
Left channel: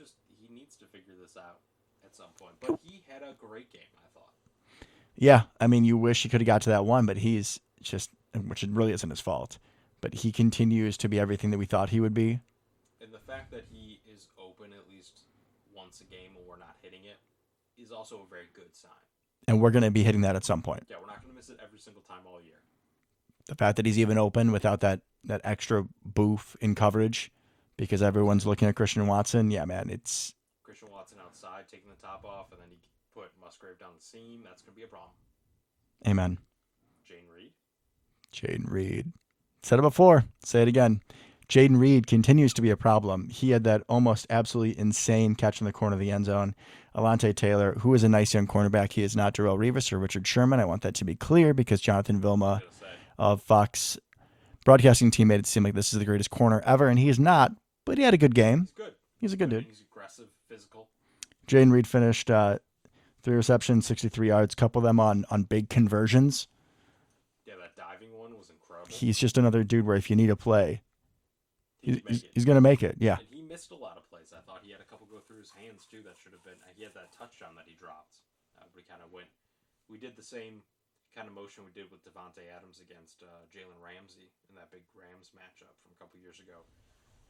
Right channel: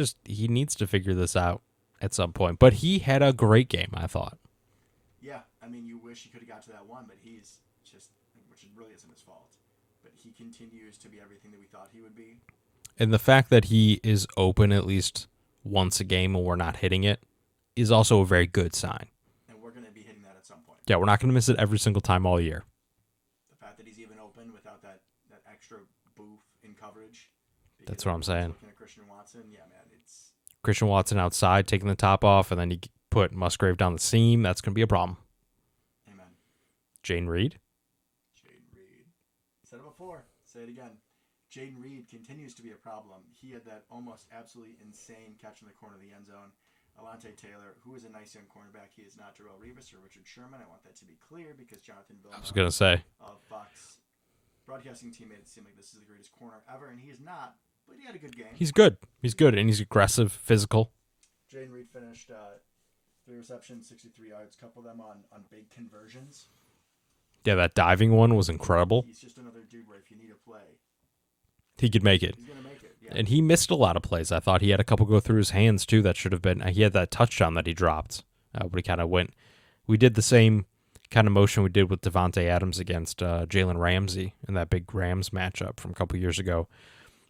needs to figure this out at some point. But he had a great game, I thought. Yeah, I mean, you wish he could have got to that one, but he's just, which it really isn't his fault. But he continues to be everything that we thought he would be. And the fact that he is open, at least once a game and we're not hitting it is also a very good sign. And we're going to be hitting that at some point. Yeah, we're not going to miss it every single time all year. The fact that he's even open without that extra boof in coverage because That's what I'm everyone's saying. looking at Christian Watson. Yeah, man, it's Christian Watson outside taking the top off, and then you put Musgrave down the seam. That's going to be a problem. amen. Jane Reed. Jaden Reed. Said it before. Say it again. Jaden Reed continues to be a problem. He had that almost absolutely insane catch in the corner of the end zone. Alante Taylor, who is a nice young cornerback. He is not Darrell Revis or Richard Sherman. I want that to be clear because Jonathan I was Vilma going to say. of Fox broadcasting team made it seem like this is the greatest corner ever, and he is not, but he had a good game. He's good. He's He's a good good, dude. and he's aggressive, physical. Jaden Reed finished 3 receptions, 63 yards, couple of them on big conversions. Yeah, that diving one was incredible. He's just another dude where if you need a play, He could make it. He's going to make it, yeah. And he missed a lot of plays. I thought he had a couple go through his hands, too, that should have been. He had that touchdown that he dropped, but he kind of went. We did the same kind of motion we did with Devontae Adams against Jalen Ramsey in that big Rams matchup from a couple years ago,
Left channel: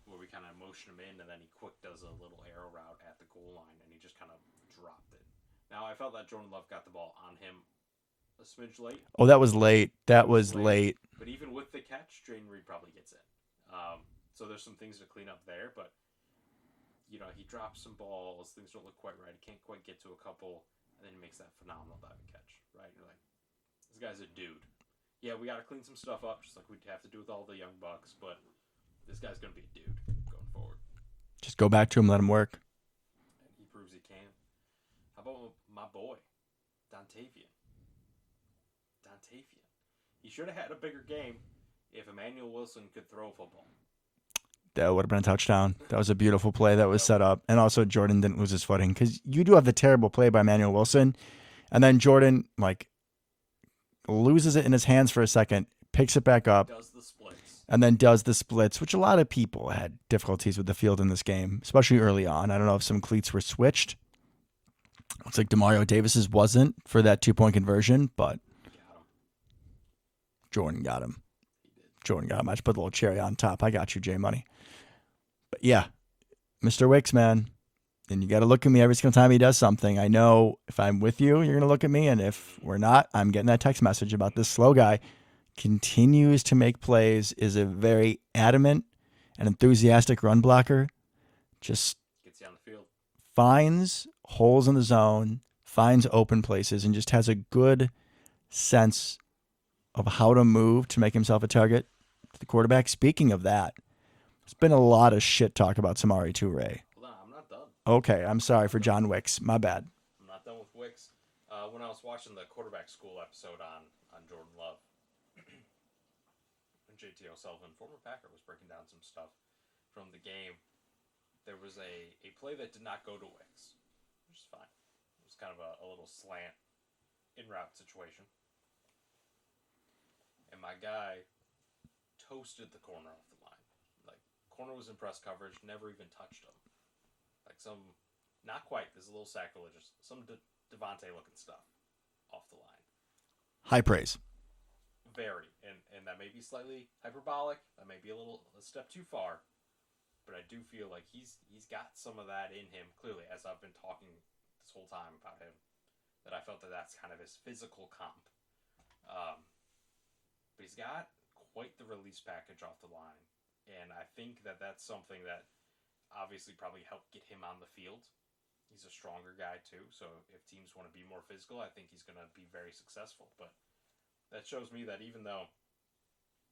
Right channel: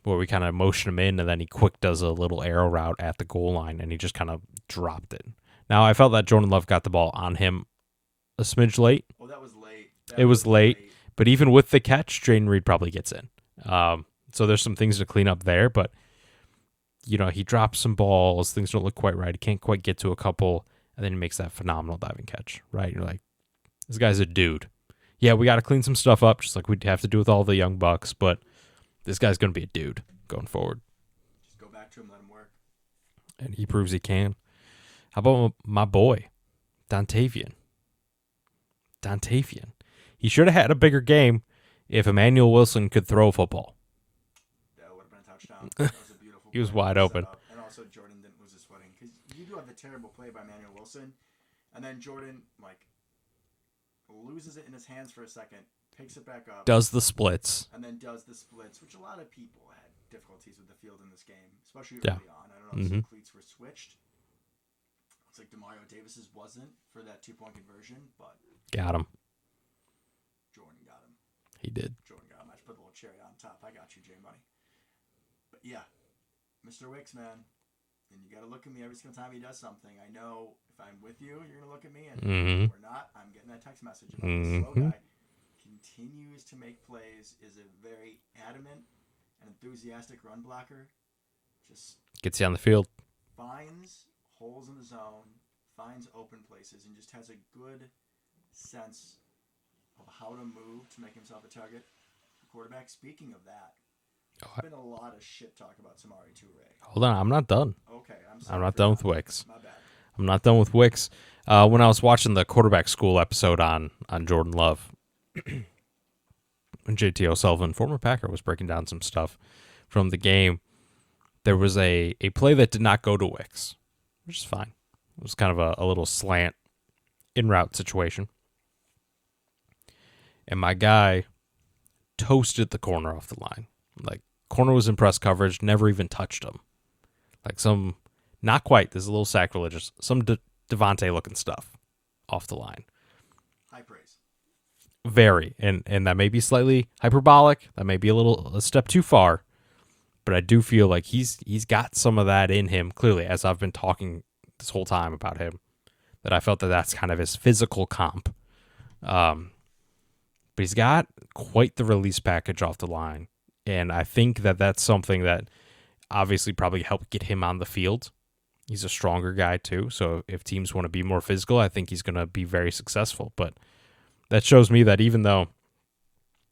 where we kind of motion him in, and then he quick does a little arrow route at the goal line, and he just kind of dropped it. Now, I felt that Jordan Love got the ball on him a smidge late. Oh, that was late. That It was was late. late. But even with the catch, Jaden Reed probably gets in. So there's some things to clean up there, but he drops some balls. Things don't look quite right. He can't quite get to a couple, and then he makes that phenomenal diving catch, right? You're like, this guy's a dude. Yeah, we got to clean some stuff up, just like we'd have to do with all the young bucks, but this guy's going to be a dude going forward. Just go back to him, let him work. And he proves he can. How about my boy, Dontavian? He should have had a bigger game if Emmanuel Wilson could throw a football. That would have been a touchdown. That was a beautiful He was play that wide was set open. up. And also Jordan didn't lose his footing because you do have the terrible play by Emmanuel Wilson. And then Jordan, loses it in his hands for a second, picks it back up, Does the splits. and then does the splits, which a lot of people had difficulties with the field in this game, especially early on. I don't know if some cleats were switched. Looks like Demario Davis's wasn't for that 2-point conversion, but Got him. Jordan got him. He did. Jordan got him. I just put a little cherry on top. I got you, J Money. But yeah, Mr. Wicks, man. And you got to look at me every single time he does something. I know if I'm with you, you're going to look at me. And if we're not, I'm getting that text message about this slow guy. Continues to make plays, is a very adamant and enthusiastic run blocker. Just Gets you on the field. finds holes in the zone, finds open places, and just has a good sense of how to move to make himself a target to the quarterback. Speaking of that, there's been a lot of shit talk about Samari Toure. Hold on. I'm not done. Okay, I'm sorry not for done John with Wicks. Wicks. My bad. I'm not done with Wicks. When I was watching the quarterback school episode on Jordan Love, when JT O'Sullivan, former Packer, was breaking down some stuff from the game, there was a play that did not go to Wicks, which is fine. It was kind of a little slant in route situation. And my guy toasted the corner off the line. Like, corner was in press coverage, never even touched him. Like some, not quite, this is a little sacrilegious, some Devontae looking stuff off the line. High praise. Very. And that may be slightly hyperbolic. That may be a step too far. But I do feel like he's got some of that in him, clearly, as I've been talking this whole time about him, that I felt that that's kind of his physical comp. But he's got quite the release package off the line. And I think that that's something that obviously probably helped get him on the field. He's a stronger guy too. So if teams want to be more physical, I think he's going to be very successful. But that shows me that even though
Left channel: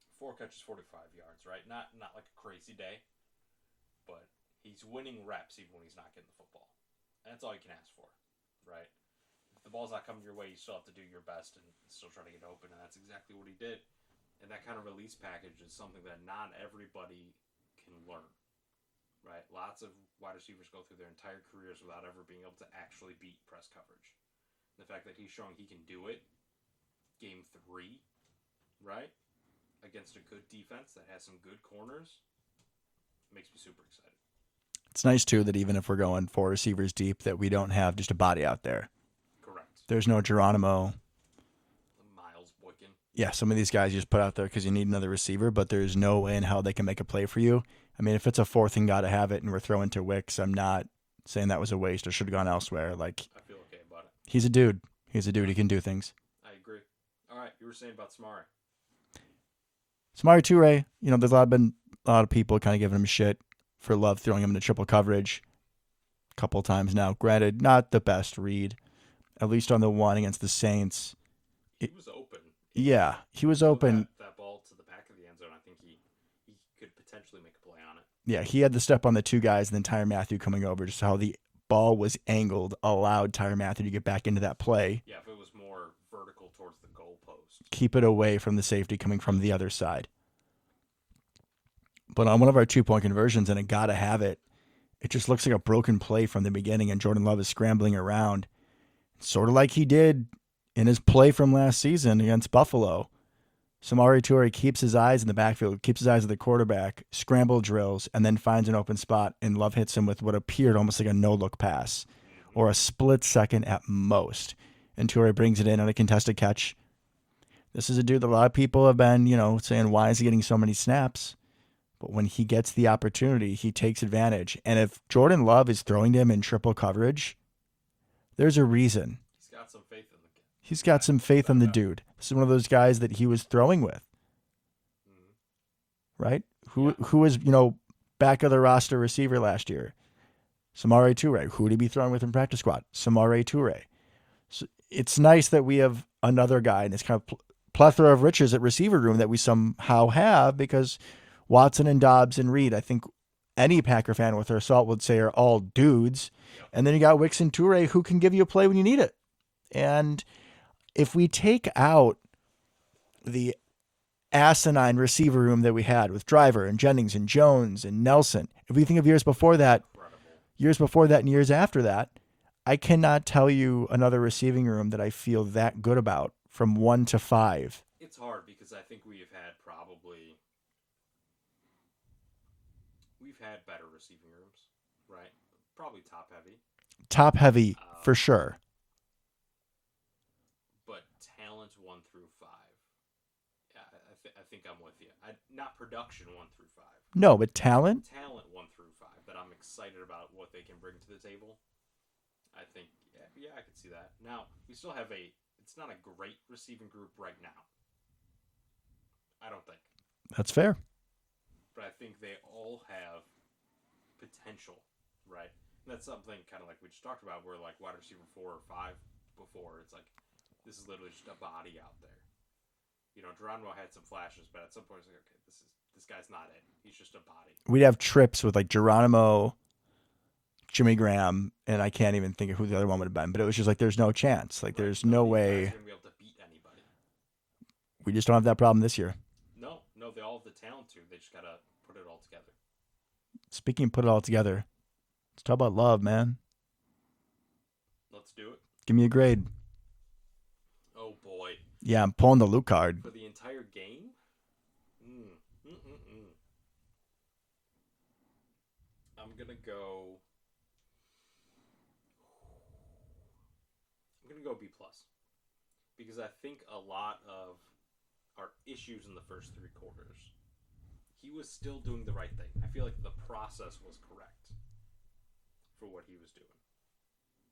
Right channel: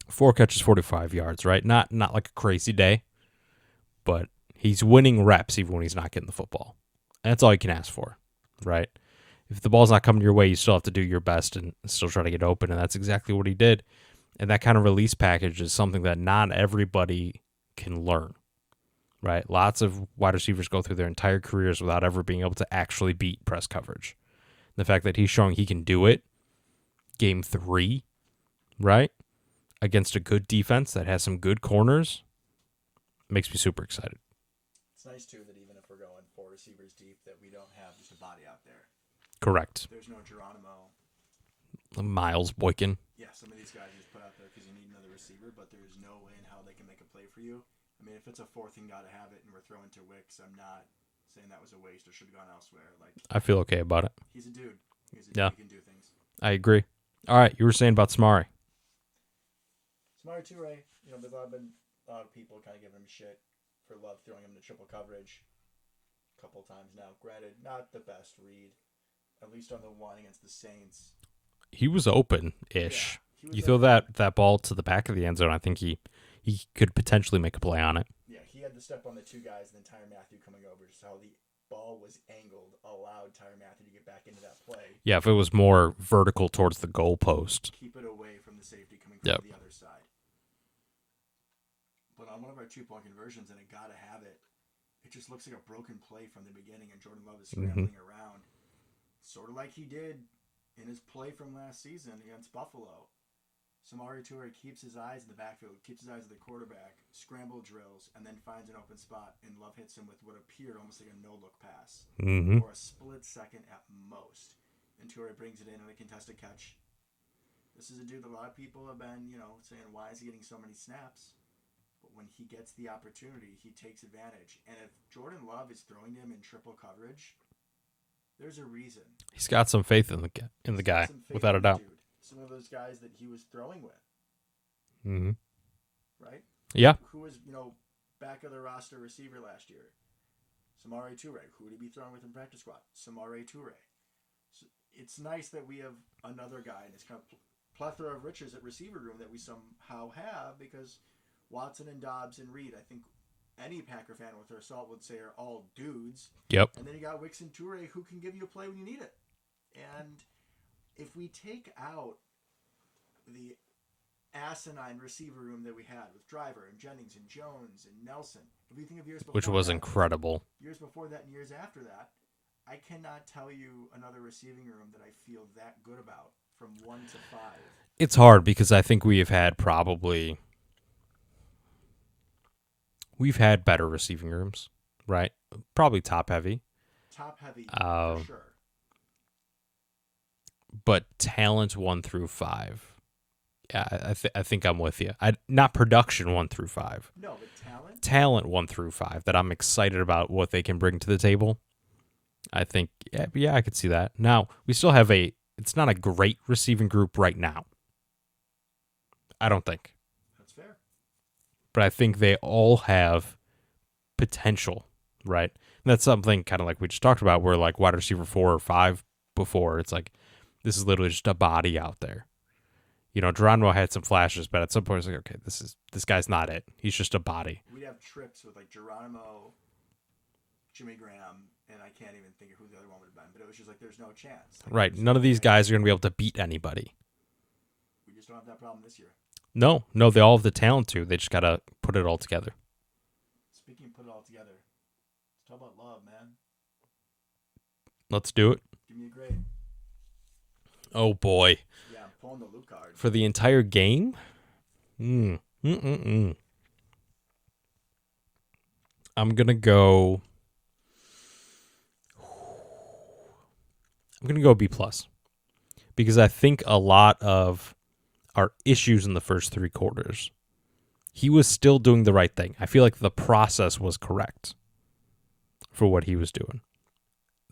4 catches, 45 yards, right? Not like a crazy day, but he's winning reps even when he's not getting the football. And that's all you can ask for, right? If the ball's not coming your way, you still have to do your best and still try to get open. And that's exactly what he did. And that kind of release package is something that not everybody can learn, right? Lots of wide receivers go through their entire careers without ever being able to actually beat press coverage. The fact that he's showing he can do it, game 3, right, against a good defense that has some good corners, makes me super excited. It's nice, too, that even if we're going 4 receivers deep, that we don't have just a body out there. Correct. There's no Geronimo. Miles Boykin. Yeah, some of these guys you just put out there because you need another receiver, but there's no way in how they can make a play for you. I mean, if it's a 4th and got to have it and we're throwing to Wicks, I'm not saying that was a waste or should have gone elsewhere. Like, I feel okay about it. he's a dude. He's a dude. Yeah. He can do things. I agree. All right, you were saying about Samari. Samari Toure, there's been a lot of people kind of giving him shit for Love throwing him into triple coverage a couple times now. Granted, not the best read, at least on the one against the Saints. He was open. Yeah, he was you open. Throw that ball to the back of the end zone. I think he could potentially make a play on it. Yeah, he had the step on the two guys and then Tyrann Mathieu coming over. Just how the ball was angled allowed Tyrann Mathieu to get back into that play. Yeah, if it was more vertical towards the goalpost. Keep it away from the safety coming from the other side. But on one of our 2-point conversions, and it got to have it, it just looks like a broken play from the beginning, and Jordan Love is scrambling around, sort of like he did in his play from last season against Buffalo. Samari Toure keeps his eyes in the backfield, keeps his eyes on the quarterback, scramble drills, and then finds an open spot, and Love hits him with what appeared almost like a no-look pass, or a split second at most. And Toure brings it in on a contested catch. This is a dude that a lot of people have been, saying, why is he getting so many snaps? But when he gets the opportunity, he takes advantage. And if Jordan Love is throwing to him in triple coverage, there's a reason. He's got some faith in the guy. He's got some faith in the dude. This is one of those guys that he was throwing with. Right? Who was, back of the roster receiver last year? Samari Toure. Who would he be throwing with in practice squad? Samari Toure. So it's nice that we have another guy in this kind of plethora of riches at receiver room that we somehow have, because Watson and Dobbs and Reed, I think any Packer fan with their salt would say, are all dudes. Yep. And then you got Wicks and Toure, who can give you a play when you need it. And if we take out the asinine receiver room that we had with Driver and Jennings and Jones and Nelson, if we think of years before which was that, incredible. Years before that and years after that, I cannot tell you another receiving room that I feel that good about from 1 to 5. It's hard because I think we've had better receiving rooms, right? Probably top heavy. Top heavy for sure. But talent 1 through 5. Yeah, I think I'm with you. Not production 1 through 5. No, but talent? Talent 1 through 5 that I'm excited about what they can bring to the table. I think, yeah, I could see that. Now, we still have it's not a great receiving group right now. I don't think. That's fair. But I think they all have potential, right? And that's something kind of like we just talked about, where like wide receiver 4 or 5 before, it's like, this is literally just a body out there. Geronimo had some flashes, but at some point it's like, okay, this guy's not it. He's just a body. We'd have trips with like Geronimo, Jimmy Graham, and I can't even think of who the other one would have been, but it was just like, there's no chance. Like, right. None of these guys are going to be able to beat anybody. We just don't have that problem this year. No, they all have the talent to. They just got to put it all together. Speaking of put it all together, let's talk about Love, man. Let's do it. Give me a grade. Oh, boy. Yeah, I'm pulling the Luke card. For the entire game? I'm going to go... B+. Because I think a lot of our issues in the first 3 quarters, he was still doing the right thing. I feel like the process was correct for what he was doing.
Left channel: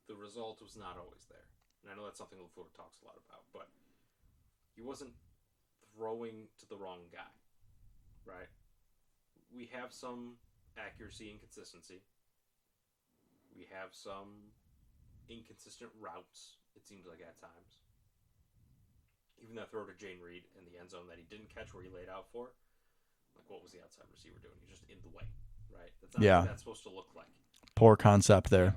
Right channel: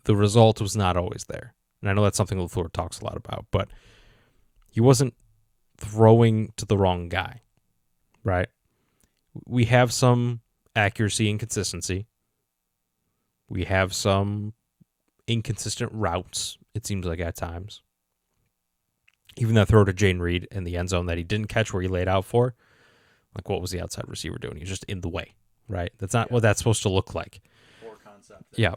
The result was not always there. And I know that's something LaFleur talks a lot about, but he wasn't throwing to the wrong guy, right? We have some accuracy and consistency. We have some inconsistent routes, it seems like at times. Even that throw to Jane Reed in the end zone that he didn't catch where he laid out for, like, what was the outside receiver doing? He was just in the way, right? That's not what that's supposed to look like. Poor concept there. Yeah.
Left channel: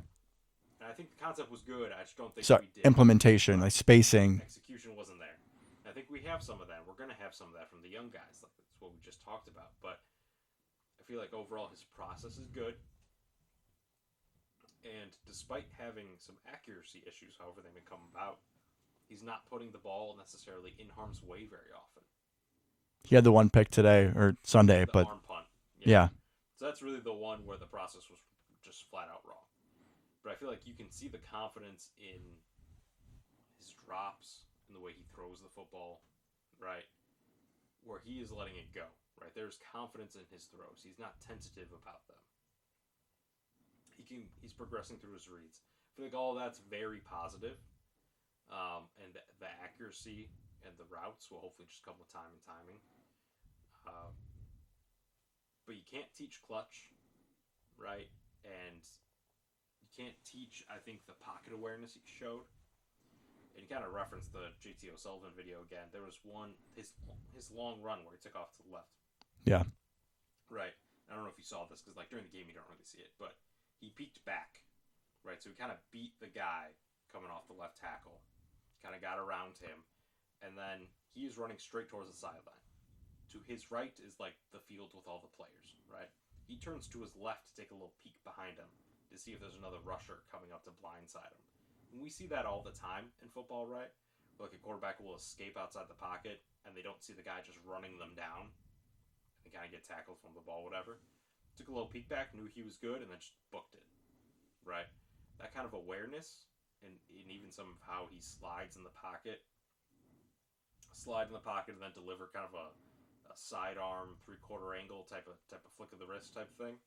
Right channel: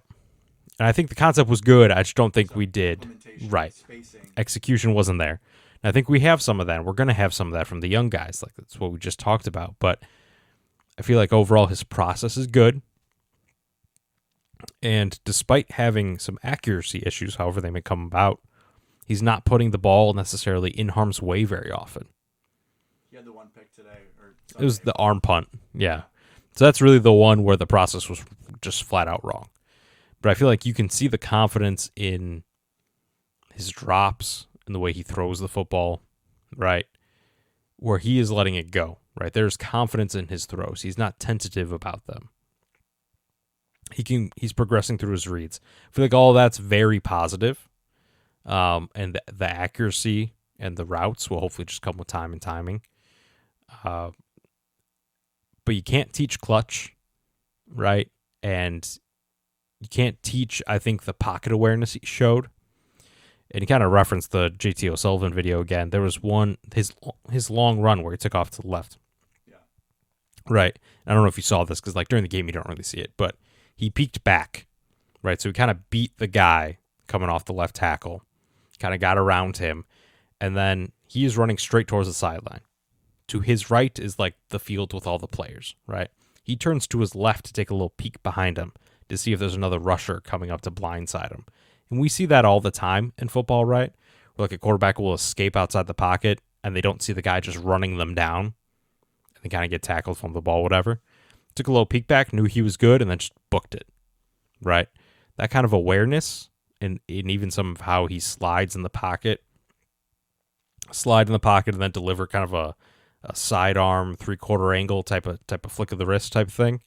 And I think the concept was good. I just don't think we did. Implementation, right. Spacing. Execution wasn't there. And I think we have some of that. We're going to have some of that from the young guys. Like, that's what we just talked about. But I feel like overall his process is good. And despite having some accuracy issues, however they may come about, he's not putting the ball necessarily in harm's way very often. He had the one pick today or Sunday. It was the arm punt. Yeah. So that's really the one where the process was just flat out wrong. But I feel like you can see the confidence in his drops and the way he throws the football, right? Where he is letting it go, right? There's confidence in his throws. He's not tentative about them. He's progressing through his reads. I feel like all that's very positive. And the accuracy and the routes will hopefully just come with time and timing. But you can't teach clutch, right? And you can't teach, I think, the pocket awareness he showed. And he kind of referenced the JT O'Sullivan video again. There was one, his long run where he took off to the left. Yeah. Right. I don't know if you saw this because like during the game you don't really see it, but he peeked back, right? So he kind of beat the guy coming off the left tackle, kind of got around him, and then he is running straight towards the sideline. To his right is like the field with all the players, right? He turns to his left to take a little peek behind him to see if there's another rusher coming up to blindside him. And we see that all the time in football, right? Where like a quarterback will escape outside the pocket and they don't see the guy just running them down and they kind of get tackled from the ball, whatever. Took a little peek back, knew he was good, and then just booked it, right? That kind of awareness and even some of how he slides in the pocket, slide in the pocket and then deliver kind of a sidearm 3/4 angle type of flick of the wrist type thing.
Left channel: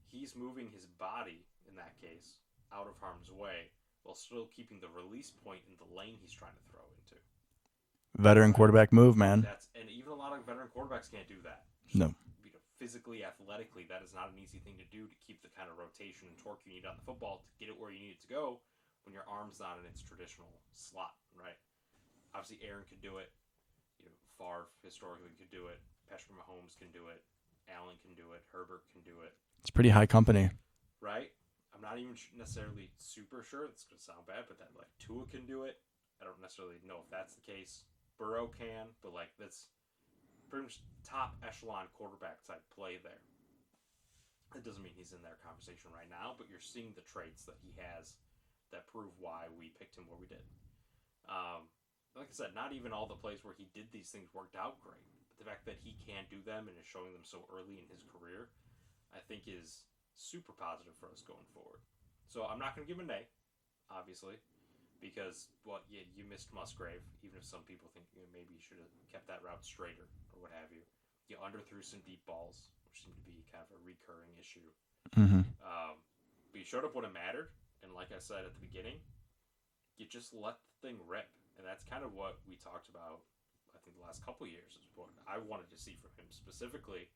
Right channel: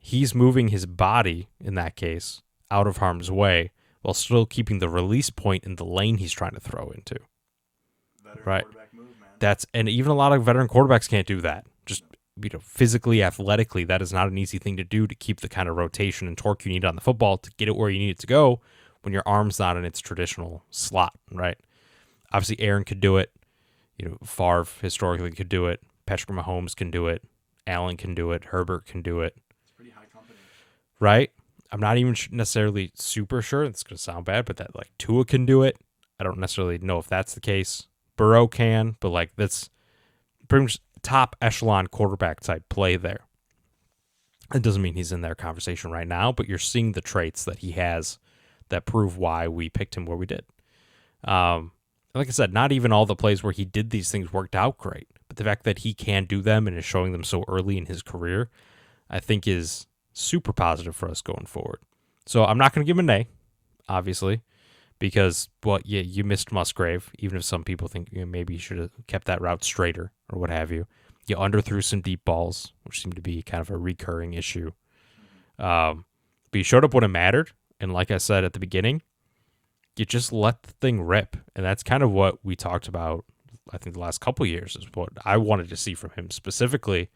He's moving his body in that case out of harm's way while still keeping the release point in the lane he's trying to throw into. Veteran quarterback move, man. And even a lot of veteran quarterbacks can't do that. Just No. Physically, athletically, that is not an easy thing to do to keep the kind of rotation and torque you need on the football to get it where you need it to go when your arm's not in its traditional slot, right? Obviously, Aaron could do it. Favre historically could do it. Patrick Mahomes can do it. Allen can do it. Herbert can do it. It's pretty high company. Right? I'm not even necessarily super sure. It's going to sound bad, but that like Tua can do it. I don't necessarily know if that's the case. Burrow can, but like that's pretty much top echelon quarterback type play there. It doesn't mean he's in their conversation right now, but you're seeing the traits that he has that prove why we picked him where we did. Like I said, not even all the plays where he did these things worked out great, but the fact that he can do them and is showing them so early in his career, I think is super positive for us going forward. So I'm not going to give him an A, obviously, because, you missed Musgrave, even if some people think maybe you should have kept that route straighter or what have you. You underthrew some deep balls, which seemed to be kind of a recurring issue. Mm-hmm. But you showed up when it mattered, and like I said at the beginning, you just let the thing rip. And that's kind of what we talked about, I think, the last couple of years is what I wanted to see from him specifically.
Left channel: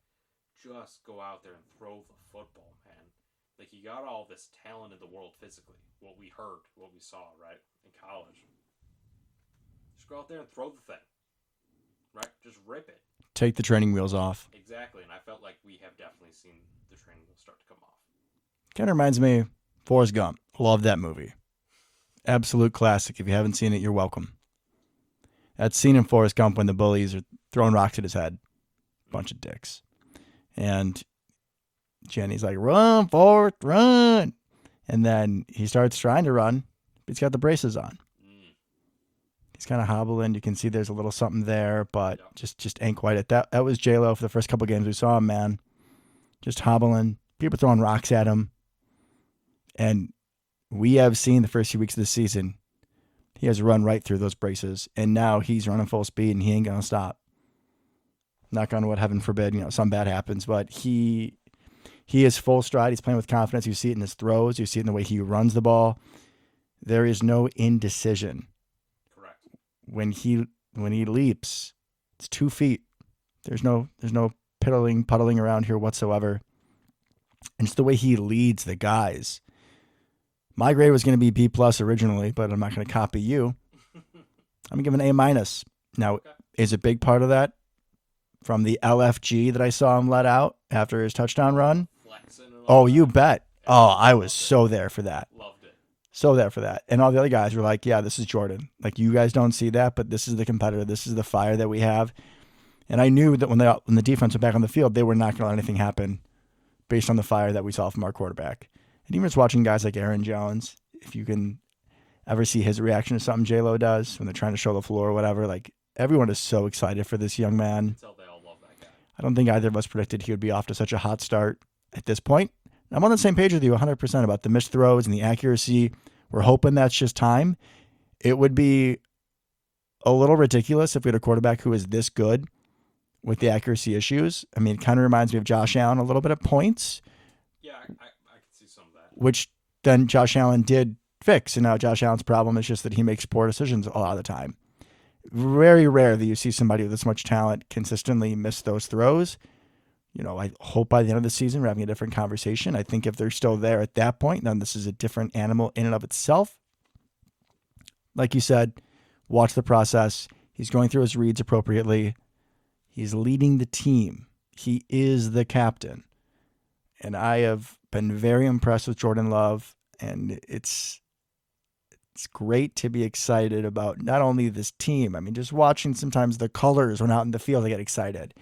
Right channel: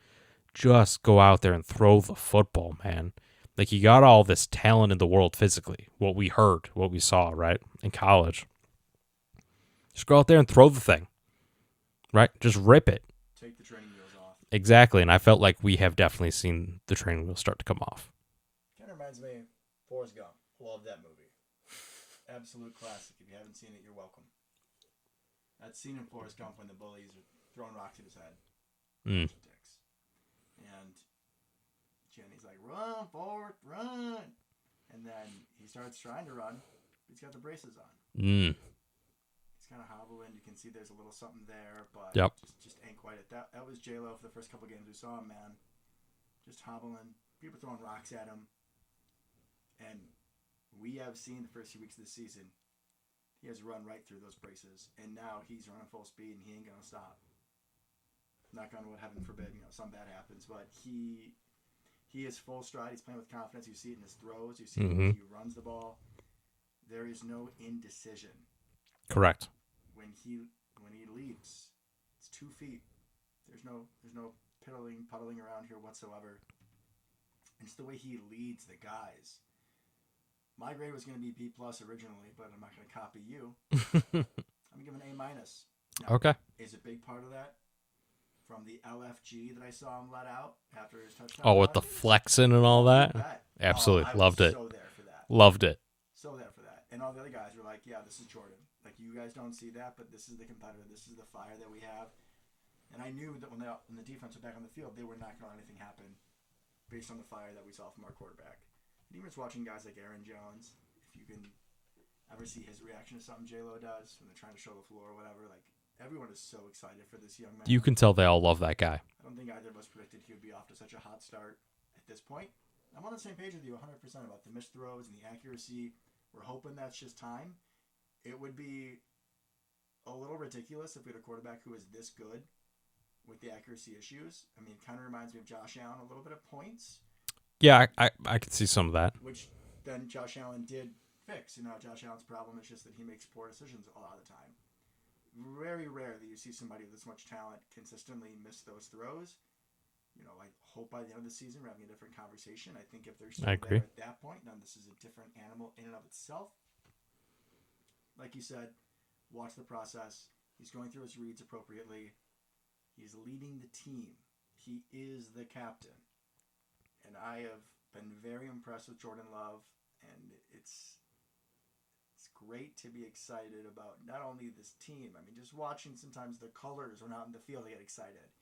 Just go out there and throw the football, man. Like, you got all this talent in the world physically, what we heard, what we saw, right, in college. Just go out there and throw the thing, right? Just rip it. Take the training wheels off. Exactly, and I felt like we have definitely seen the training wheels start to come off. Kind of reminds me of Forrest Gump. Love that movie. Absolute classic. If you haven't seen it, you're welcome. That scene in Forrest Gump when the bullies are throwing rocks at his head. Bunch of dicks. And Jenny's like, run, Forrest, run. And then he starts trying to run, but he's got the braces on. He's kind of hobbling. You can see there's a little something there, but just ain't quite it. That was J-Lo for the first couple games we saw him, man. Just hobbling. People throwing rocks at him. And we have seen the first few weeks of the season, he has run right through those braces, and now he's running full speed, and he ain't going to stop. Knock on wood, heaven forbid, something bad happens, but he is full stride. He's playing with confidence. You see it in his throws. You see it in the way he runs the ball. There is no indecision. Correct. When he leaps, it's 2 feet. There's no puddling around here whatsoever. And just the way he leads the guys. My grade was going to be B+ originally, but I'm not going to copy you. I'm going to give an A-. Now, okay. Is a big part of that from the LFG that I saw him let out after his touchdown run? Oh, the flexing and all that? Oh, you bet. Absolutely. I was so there for that. Loved it. So there for that. And all the other guys were like, yeah, this is Jordan. Like, you guys don't see that, but this is the competitor. This is the fire that we have. And I knew that when the defense went back on the field, they were not going to let anything happen based on the fire that we saw from our quarterback. And even just watching guys like Aaron Jones, if you can ever see his reaction to something J-Lo does when they're trying to show the floor or whatever, like, everyone is so excited for this young man. You can tell they all love that guy. I don't think either of us predicted he would be off to such a hot start at this point. I'm on the same page with you 100% about the missed throws and the accuracy. We're hoping that's just time. It would be a little ridiculous if we had a quarterback who is this good with the accuracy issues. I mean, it kind of reminds me of Josh Allen a little bit at points, Yeah, I could see some of that. which then Josh Allen did fix. And now Josh Allen's problem is just that he makes poor decisions a lot of the time. Very rare that you see somebody with this much talent consistently miss those throws. I hope by the end of the season we're having a different conversation. I think if they're still there at that point, then this is a different animal in and of itself. Like you said, watch the process. He's going through his reads appropriately. He's leading the team. He is the captain. And I have been very impressed with Jordan Love. And it's great to be excited about not only this team. I mean, just watching sometimes the colors when out in the field, I get excited.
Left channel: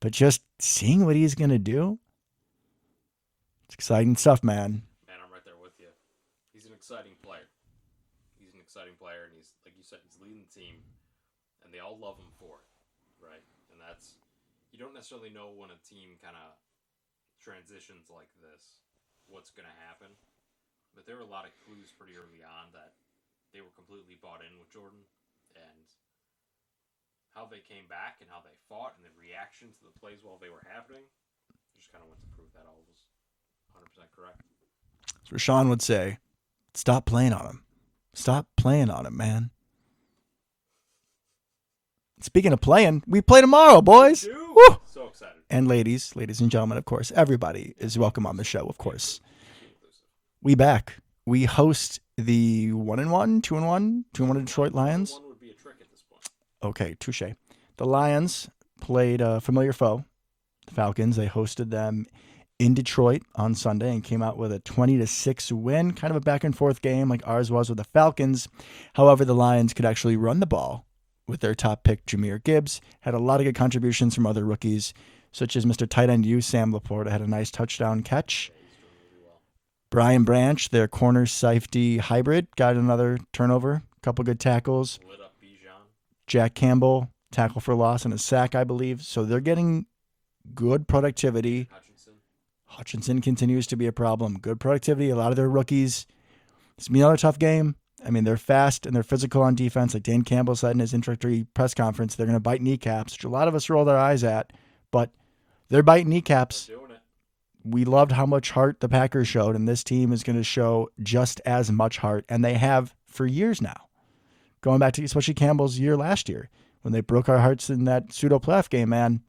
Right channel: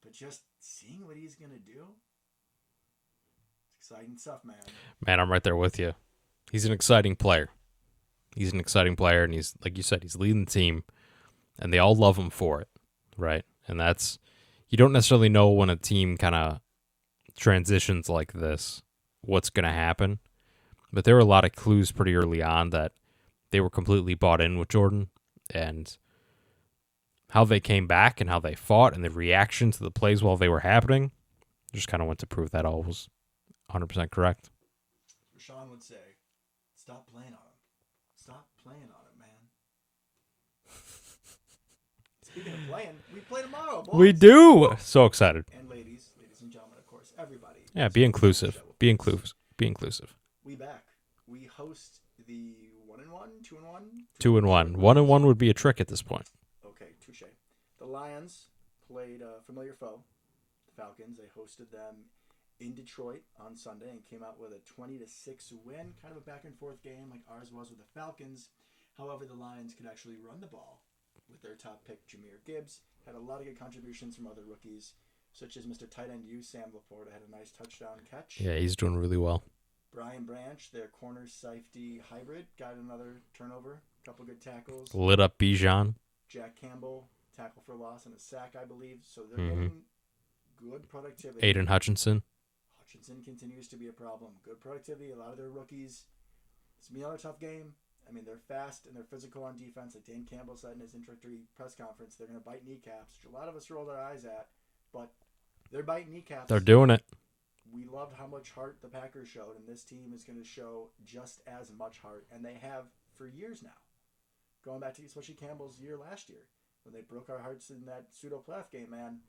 But just seeing what he's going to do, it's exciting stuff, man. Man, I'm right there with you. He's an exciting player. And he's, like you said, he's leading the team, and they all love him for it, right? And that's, you don't necessarily know when a team kind of transitions like this, what's going to happen. But there were a lot of clues pretty early on that they were completely bought in with Jordan, and how they came back and how they fought and the reaction to the plays while they were happening just kind of went to prove that all was 100% correct. As Rashawn would say, stop playing on him. Stop playing on him, man. Speaking of playing, we play tomorrow, boys. We do. Woo! So excited. And ladies and gentlemen, of course, everybody is be welcome inclusive. on the show, of be course. Inclusive. Be inclusive. We back. We host the 1-1, 2-1, 2-1. short Lions. 1-1 would be a trick at this point. Okay, touche. The Lions played a familiar foe, the Falcons. They hosted them in Detroit on Sunday and came out with a 20-6 win, kind of a back and forth game like ours was with the Falcons. However, the Lions could actually run the ball with their top pick, Jahmyr Gibbs. Had a lot of good contributions from other rookies, such as Mr. Tight End U, Sam Laporta, had a nice touchdown catch. Yeah, he's doing really well. Brian Branch, their corner safety hybrid, got another turnover, a couple good tackles. Lit up Bijan. Jack Campbell, tackle for loss and a sack, I believe. So they're getting good productivity. Aiden Hutchinson. Hutchinson continues to be a problem. Good productivity. A lot of their rookies. It's going to be another tough game. I mean, they're fast and they're physical on defense. Like Dan Campbell said in his introductory press conference, they're going to bite kneecaps, which a lot of us roll our eyes at. But they're biting kneecaps. They're doing it. We loved how much heart the Packers showed, and this team is going to show just as much heart. And they have for years now. Going back to especially Campbell's year last year, when they broke our hearts in that pseudo playoff game, man.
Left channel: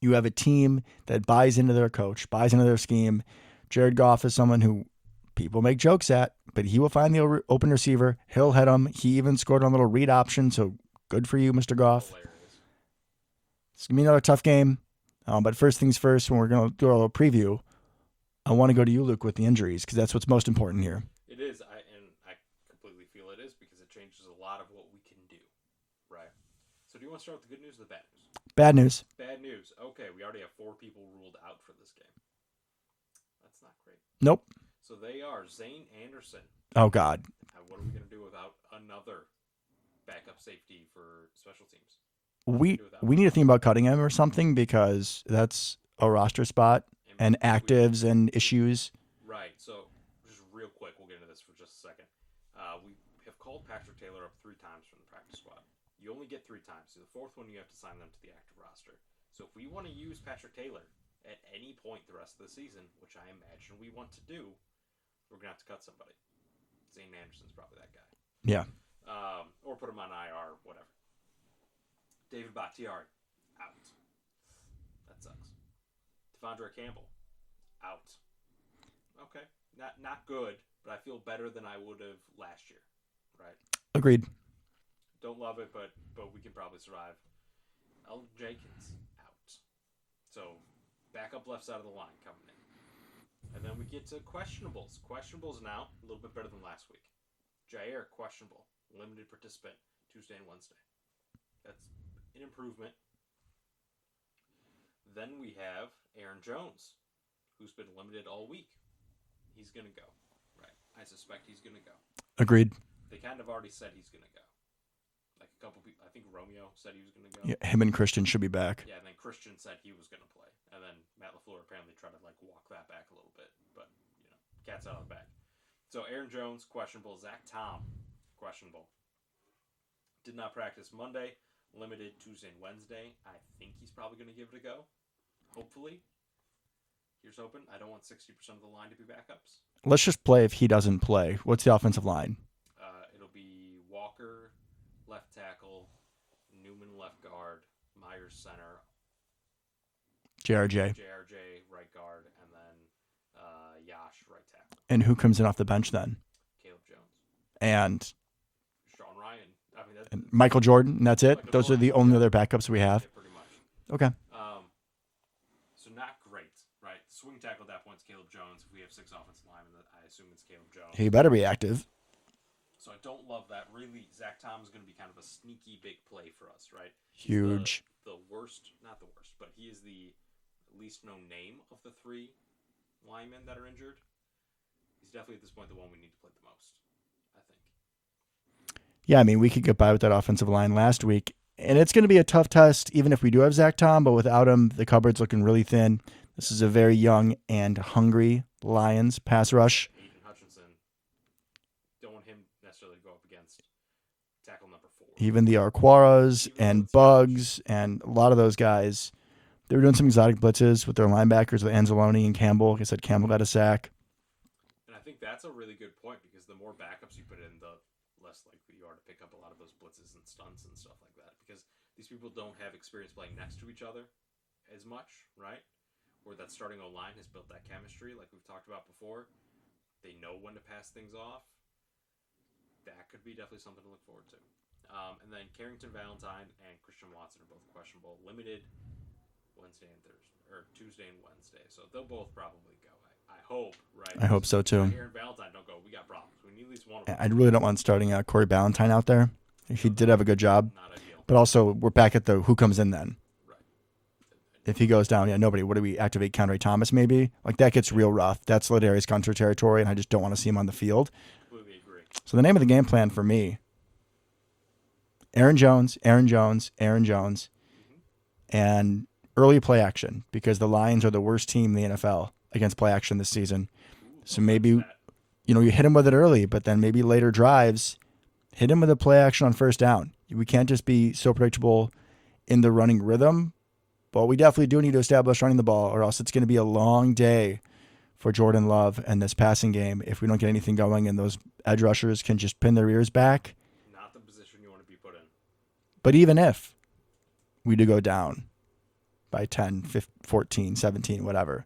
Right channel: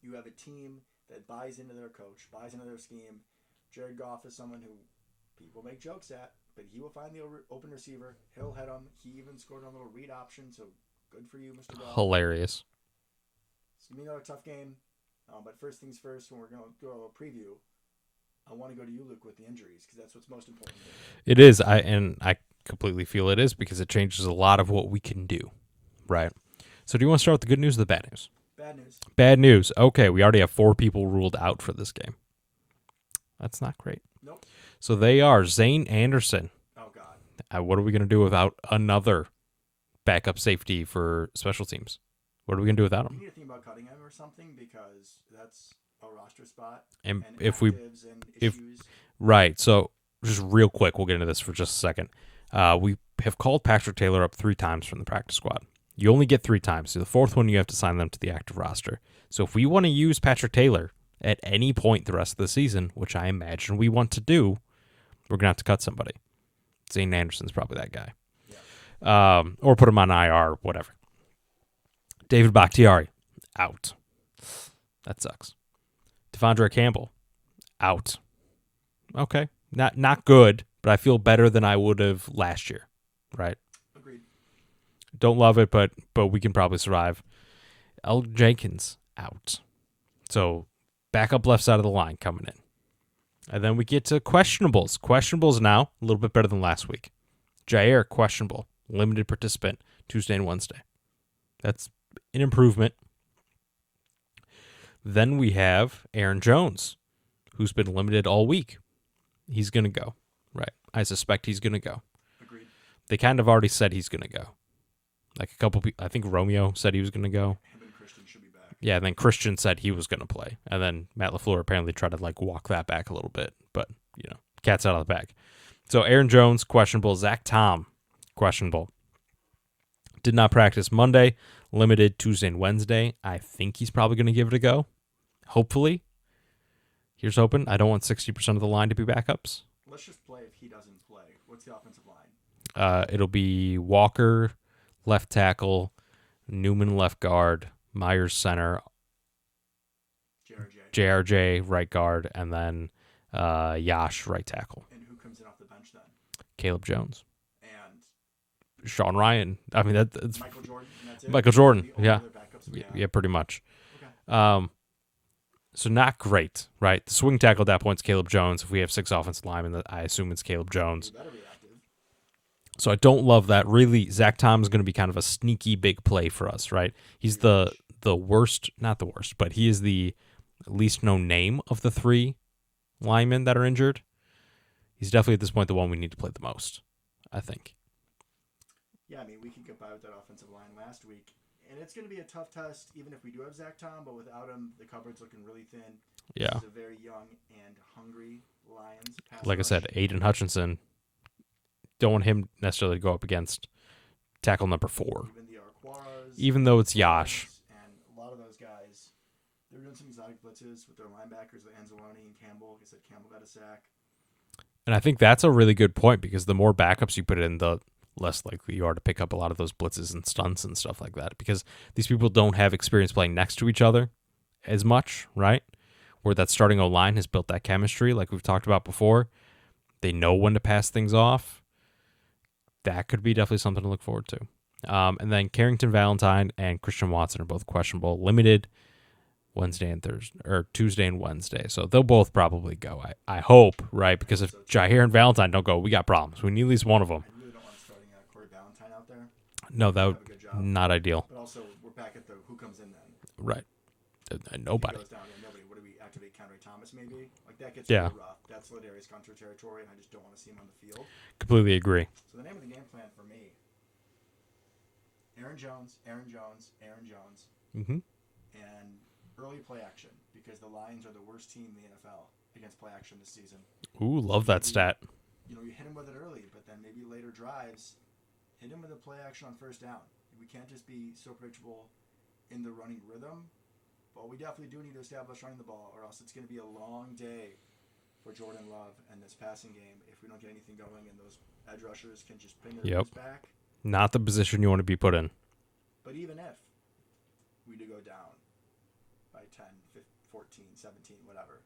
You have a team that buys into their coach, buys into their scheme. Jared Goff is someone who people make jokes at, but he will find the open receiver. He'll hit him. He even scored on a little read option, so good for you, Mr. Goff. Hilarious. It's going to be another tough game. But first things first, when we're going to do our little preview, I want to go to you, Luke, with the injuries, because that's what's most important here. It is. I completely feel it is, because it changes a lot of what we can do, right? So do you want to start with the good news or the bad news? Bad news. Bad news. Okay, we already have 4 people ruled out for this game. That's not great. Nope. So they are Zane Anderson. Oh, God. What are we going to do without another backup safety for special teams? What are we going to do without him? We need to think about cutting him or something, because that's a roster spot and actives and issues. Right. So just real quick, we'll get into this for just a second. We have called Patrick Taylor up 3 times from the practice squad. You only get 3 times. So the 4th one, you have to sign them to the active roster. So if we want to use Patrick Taylor at any point the rest of the season, which I imagine we want to do, we're going to have to cut somebody. Zane Anderson's probably that guy. Yeah. Or put him on IR, whatever. David Bakhtiari, out. That sucks. Devondre Campbell, out. Okay. Not good, but I feel better than I would have last year, right? Agreed. Don't love it, but we can probably survive. El Jenkins, out. So backup left side of the line coming in. And then we get to questionables. Questionables now, a little bit better than last week. Jair, questionable. Limited participant, Tuesday and Wednesday. That's an improvement. Then we have Aaron Jones, who's been limited all week. He's going to go, right? I suspect he's going to go. Agreed. They kind of already said he's going to go. Like a couple people, I think Romeo said he was going to go. Yeah, him and Christian should be back. Yeah, and then Christian said he was going to play. And then Matt LaFleur apparently tried to walk that back a little bit. But, cat's out of the bag. So Aaron Jones, questionable. Zach Tom, questionable. Did not practice Monday. Limited Tuesday and Wednesday. I think he's probably going to give it a go. Hopefully. Here's hoping. I don't want 60% of the line to be backups. Let's just play if he doesn't play. What's the offensive line? It'll be Walker, left tackle, Newman, left guard, Myers, center, JRJ. JRJ, right guard, and then Yash, right tackle. And who comes in off the bench then? Caleb Jones. And Sean Ryan. I mean, that's Michael Jordan, and that's it? Michael Those Jordan, are the only yeah. other backups we have? Yeah, pretty much. Okay. So not great, right? The swing tackle at that point is Caleb Jones. If we have 6 offensive linemen, I assume it's Caleb Jones. He better be active. So I don't love that. Really, Zach Tom is going to be kind of a sneaky big play for us, right? He's Huge. the worst, not the worst, but he is the least known name of the 3 linemen that are injured. He's definitely at this point the one we need to play the most, I think. Yeah, I mean, we could get by with that offensive line last week. And it's going to be a tough test, even if we do have Zach Tom, but without him, the cupboard's looking really thin. This is a very young and hungry Lions pass like rush. I said, Aiden Hutchinson, don't want him necessarily to go up against tackle number 4. Even the Arquaras, Even and though it's Bugs, and a lot of those guys, they were doing some exotic blitzes with their linebackers, with Anzalone and Campbell. Like I said, Campbell got a sack. And I think that's a really good point because the more backups you put in, the less likely you are to pick up a lot of those blitzes and stunts and stuff like that because these people don't have experience playing next to each other as much, right? Where that starting O-line has built that chemistry like we've talked about before. They know when to pass things off. That could be definitely something to look forward to. And then Carrington Valentine and Christian Watson are both questionable, limited Wednesday and Thursday, or Tuesday and Wednesday. So they'll both probably go. I hope, right? Because hope if so, too. Jair and Valentine don't go, we got problems. We need at least one of them. I really don't want starting Corey Ballantyne out there. He No, did have a good job. Not ideal. But also, we're back at the who comes in then. Right. If he goes down, nobody. What do we activate? Conray Thomas, maybe? Like, that gets real rough. That's Ladarius Gunter territory, and I just don't want to see him on the field. Completely agree. So the name of the game plan for me, Aaron Jones, Mm-hmm. and early play action, because the Lions are the worst team in the NFL against play action this season. Ooh, love So maybe, that stat. You hit him with it early, but then maybe later drives, hit him with a play action on first down. We can't just be so predictable in the running rhythm, but we definitely do need to establish running the ball, or else it's going to be a long day for Jordan Love and this passing game if we don't get anything going and those edge rushers can just pin their ears back. Not the position you want to be put in. But even if we do go down by 10, 15, 14, 17, whatever,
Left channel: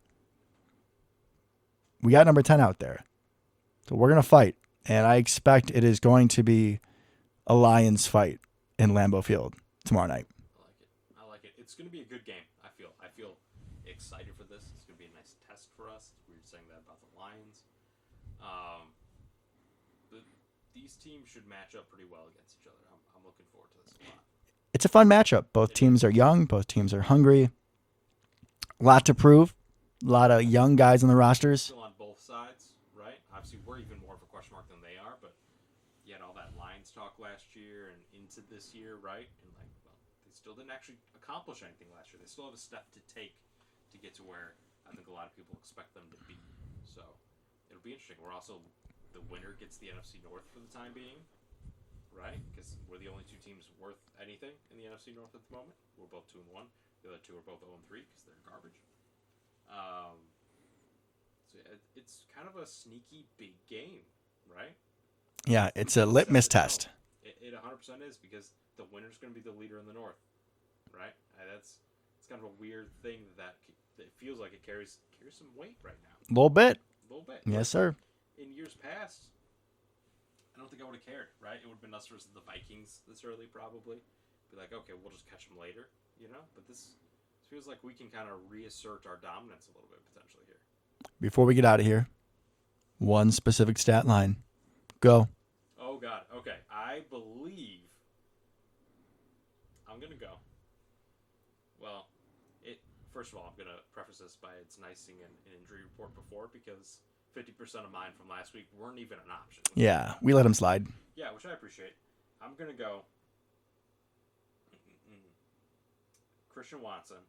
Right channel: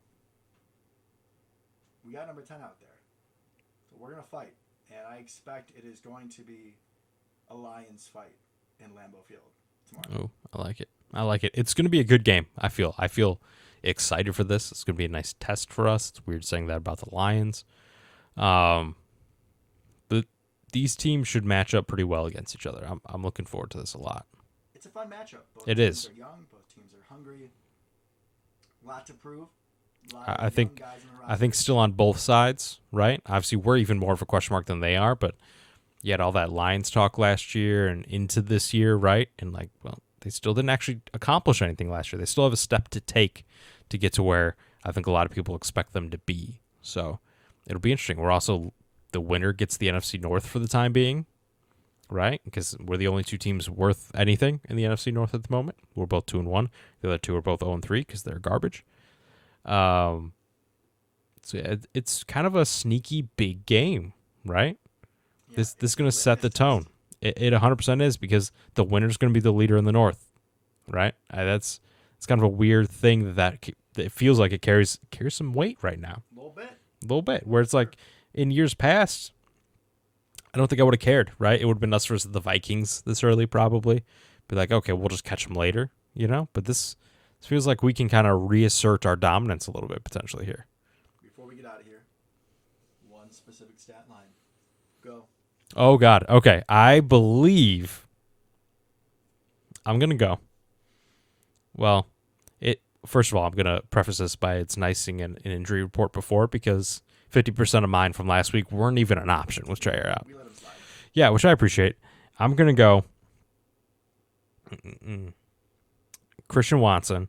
we got number 10 out there. So we're going to fight. And I expect it is going to be a Lions fight in Lambeau Field tomorrow night. Oh, I like it. It's going to be a good game, I feel. I feel excited for this. It's going to be a nice test for us. It's weird saying that about the Lions. But these teams should match up pretty well against each other. I'm looking forward to this a lot. It's a fun matchup. Both teams are young. Both teams are hungry. A lot to prove. A lot of young guys on the rosters. I think still on both sides, right? Obviously, we're even more of a question mark than they are, but you had all that Lions talk last year and into this year, right? And they still didn't actually accomplish anything last year. They still have a step to take to get to where I think a lot of people expect them to be. So it'll be interesting. We're also, the winner gets the NFC North for the time being, right? Because we're the only 2 teams worth anything in the NFC North at the moment. We're both 2-1. The other 2 are both 0-3 because they're garbage. So it's kind of a sneaky big game, right? Yeah, this it's a litmus test. It 100% is, because the winner's going to be the leader in the North, right? It's kind of a weird thing that it feels like it carries some weight right now. A little bit. Where it's like in years past, I don't think I would have cared, right? It would have been us versus the Vikings this early, probably. Be like, okay, we'll just catch them later, But this feels like we can kind of reassert our dominance a little bit potentially here. Before we get out of here, one specific stat line. Go. Oh, God. Okay. I believe I'm going to go. Well, first of all, I'm going to preface this by it's nice seeing an injury report before, because 50% of mine from last week weren't even an option with Jair out. We let him slide. Yeah, which I appreciate. I'm going to go Christian Watson,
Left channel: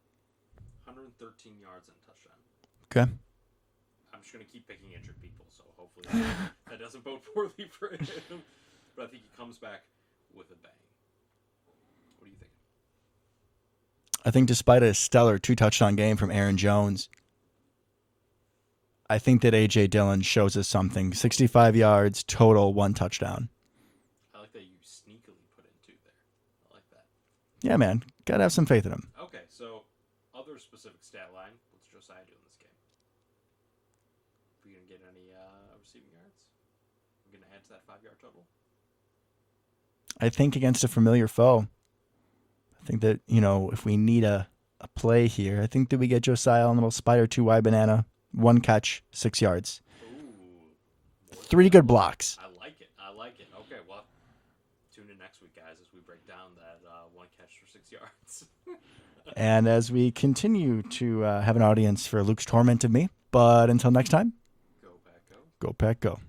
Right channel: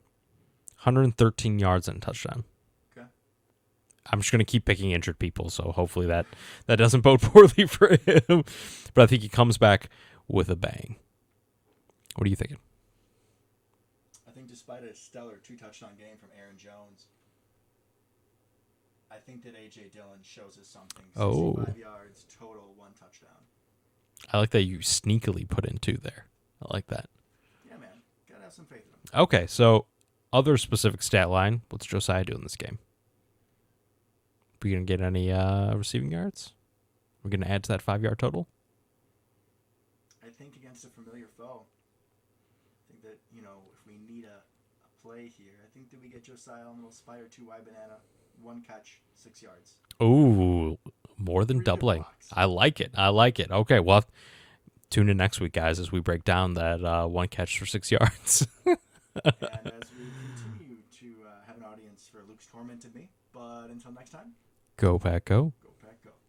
113 yards and a touchdown. Okay. I'm just going to keep picking injured people, so hopefully that doesn't bode poorly for him. But I think he comes back with a bang. What are you thinking? I think despite a stellar 2-touchdown game from Aaron Jones, I think that A.J. Dillon shows us something. Oh. 65 yards, total, 1 touchdown. I like that you sneakily put in 2 there. I like that. Yeah, man. Got to have some faith in him. Okay, so other specific stat line. What's Josiah do in this game? We going to get any receiving yards? We're going to add to that 5-yard total? I think against a familiar foe, I think that, if we need a play here, I think that we get Josiah on a little spider 2-wide banana, 1 catch, 6 yards. Ooh, more than 3 good doubling. blocks. I like it. Okay, well, tune in next week, guys, as we break down that 1 catch for 6 yards. And as we continue to have an audience for Luke's torment of me. But until next time, Go, Pack, go. go Pack, go.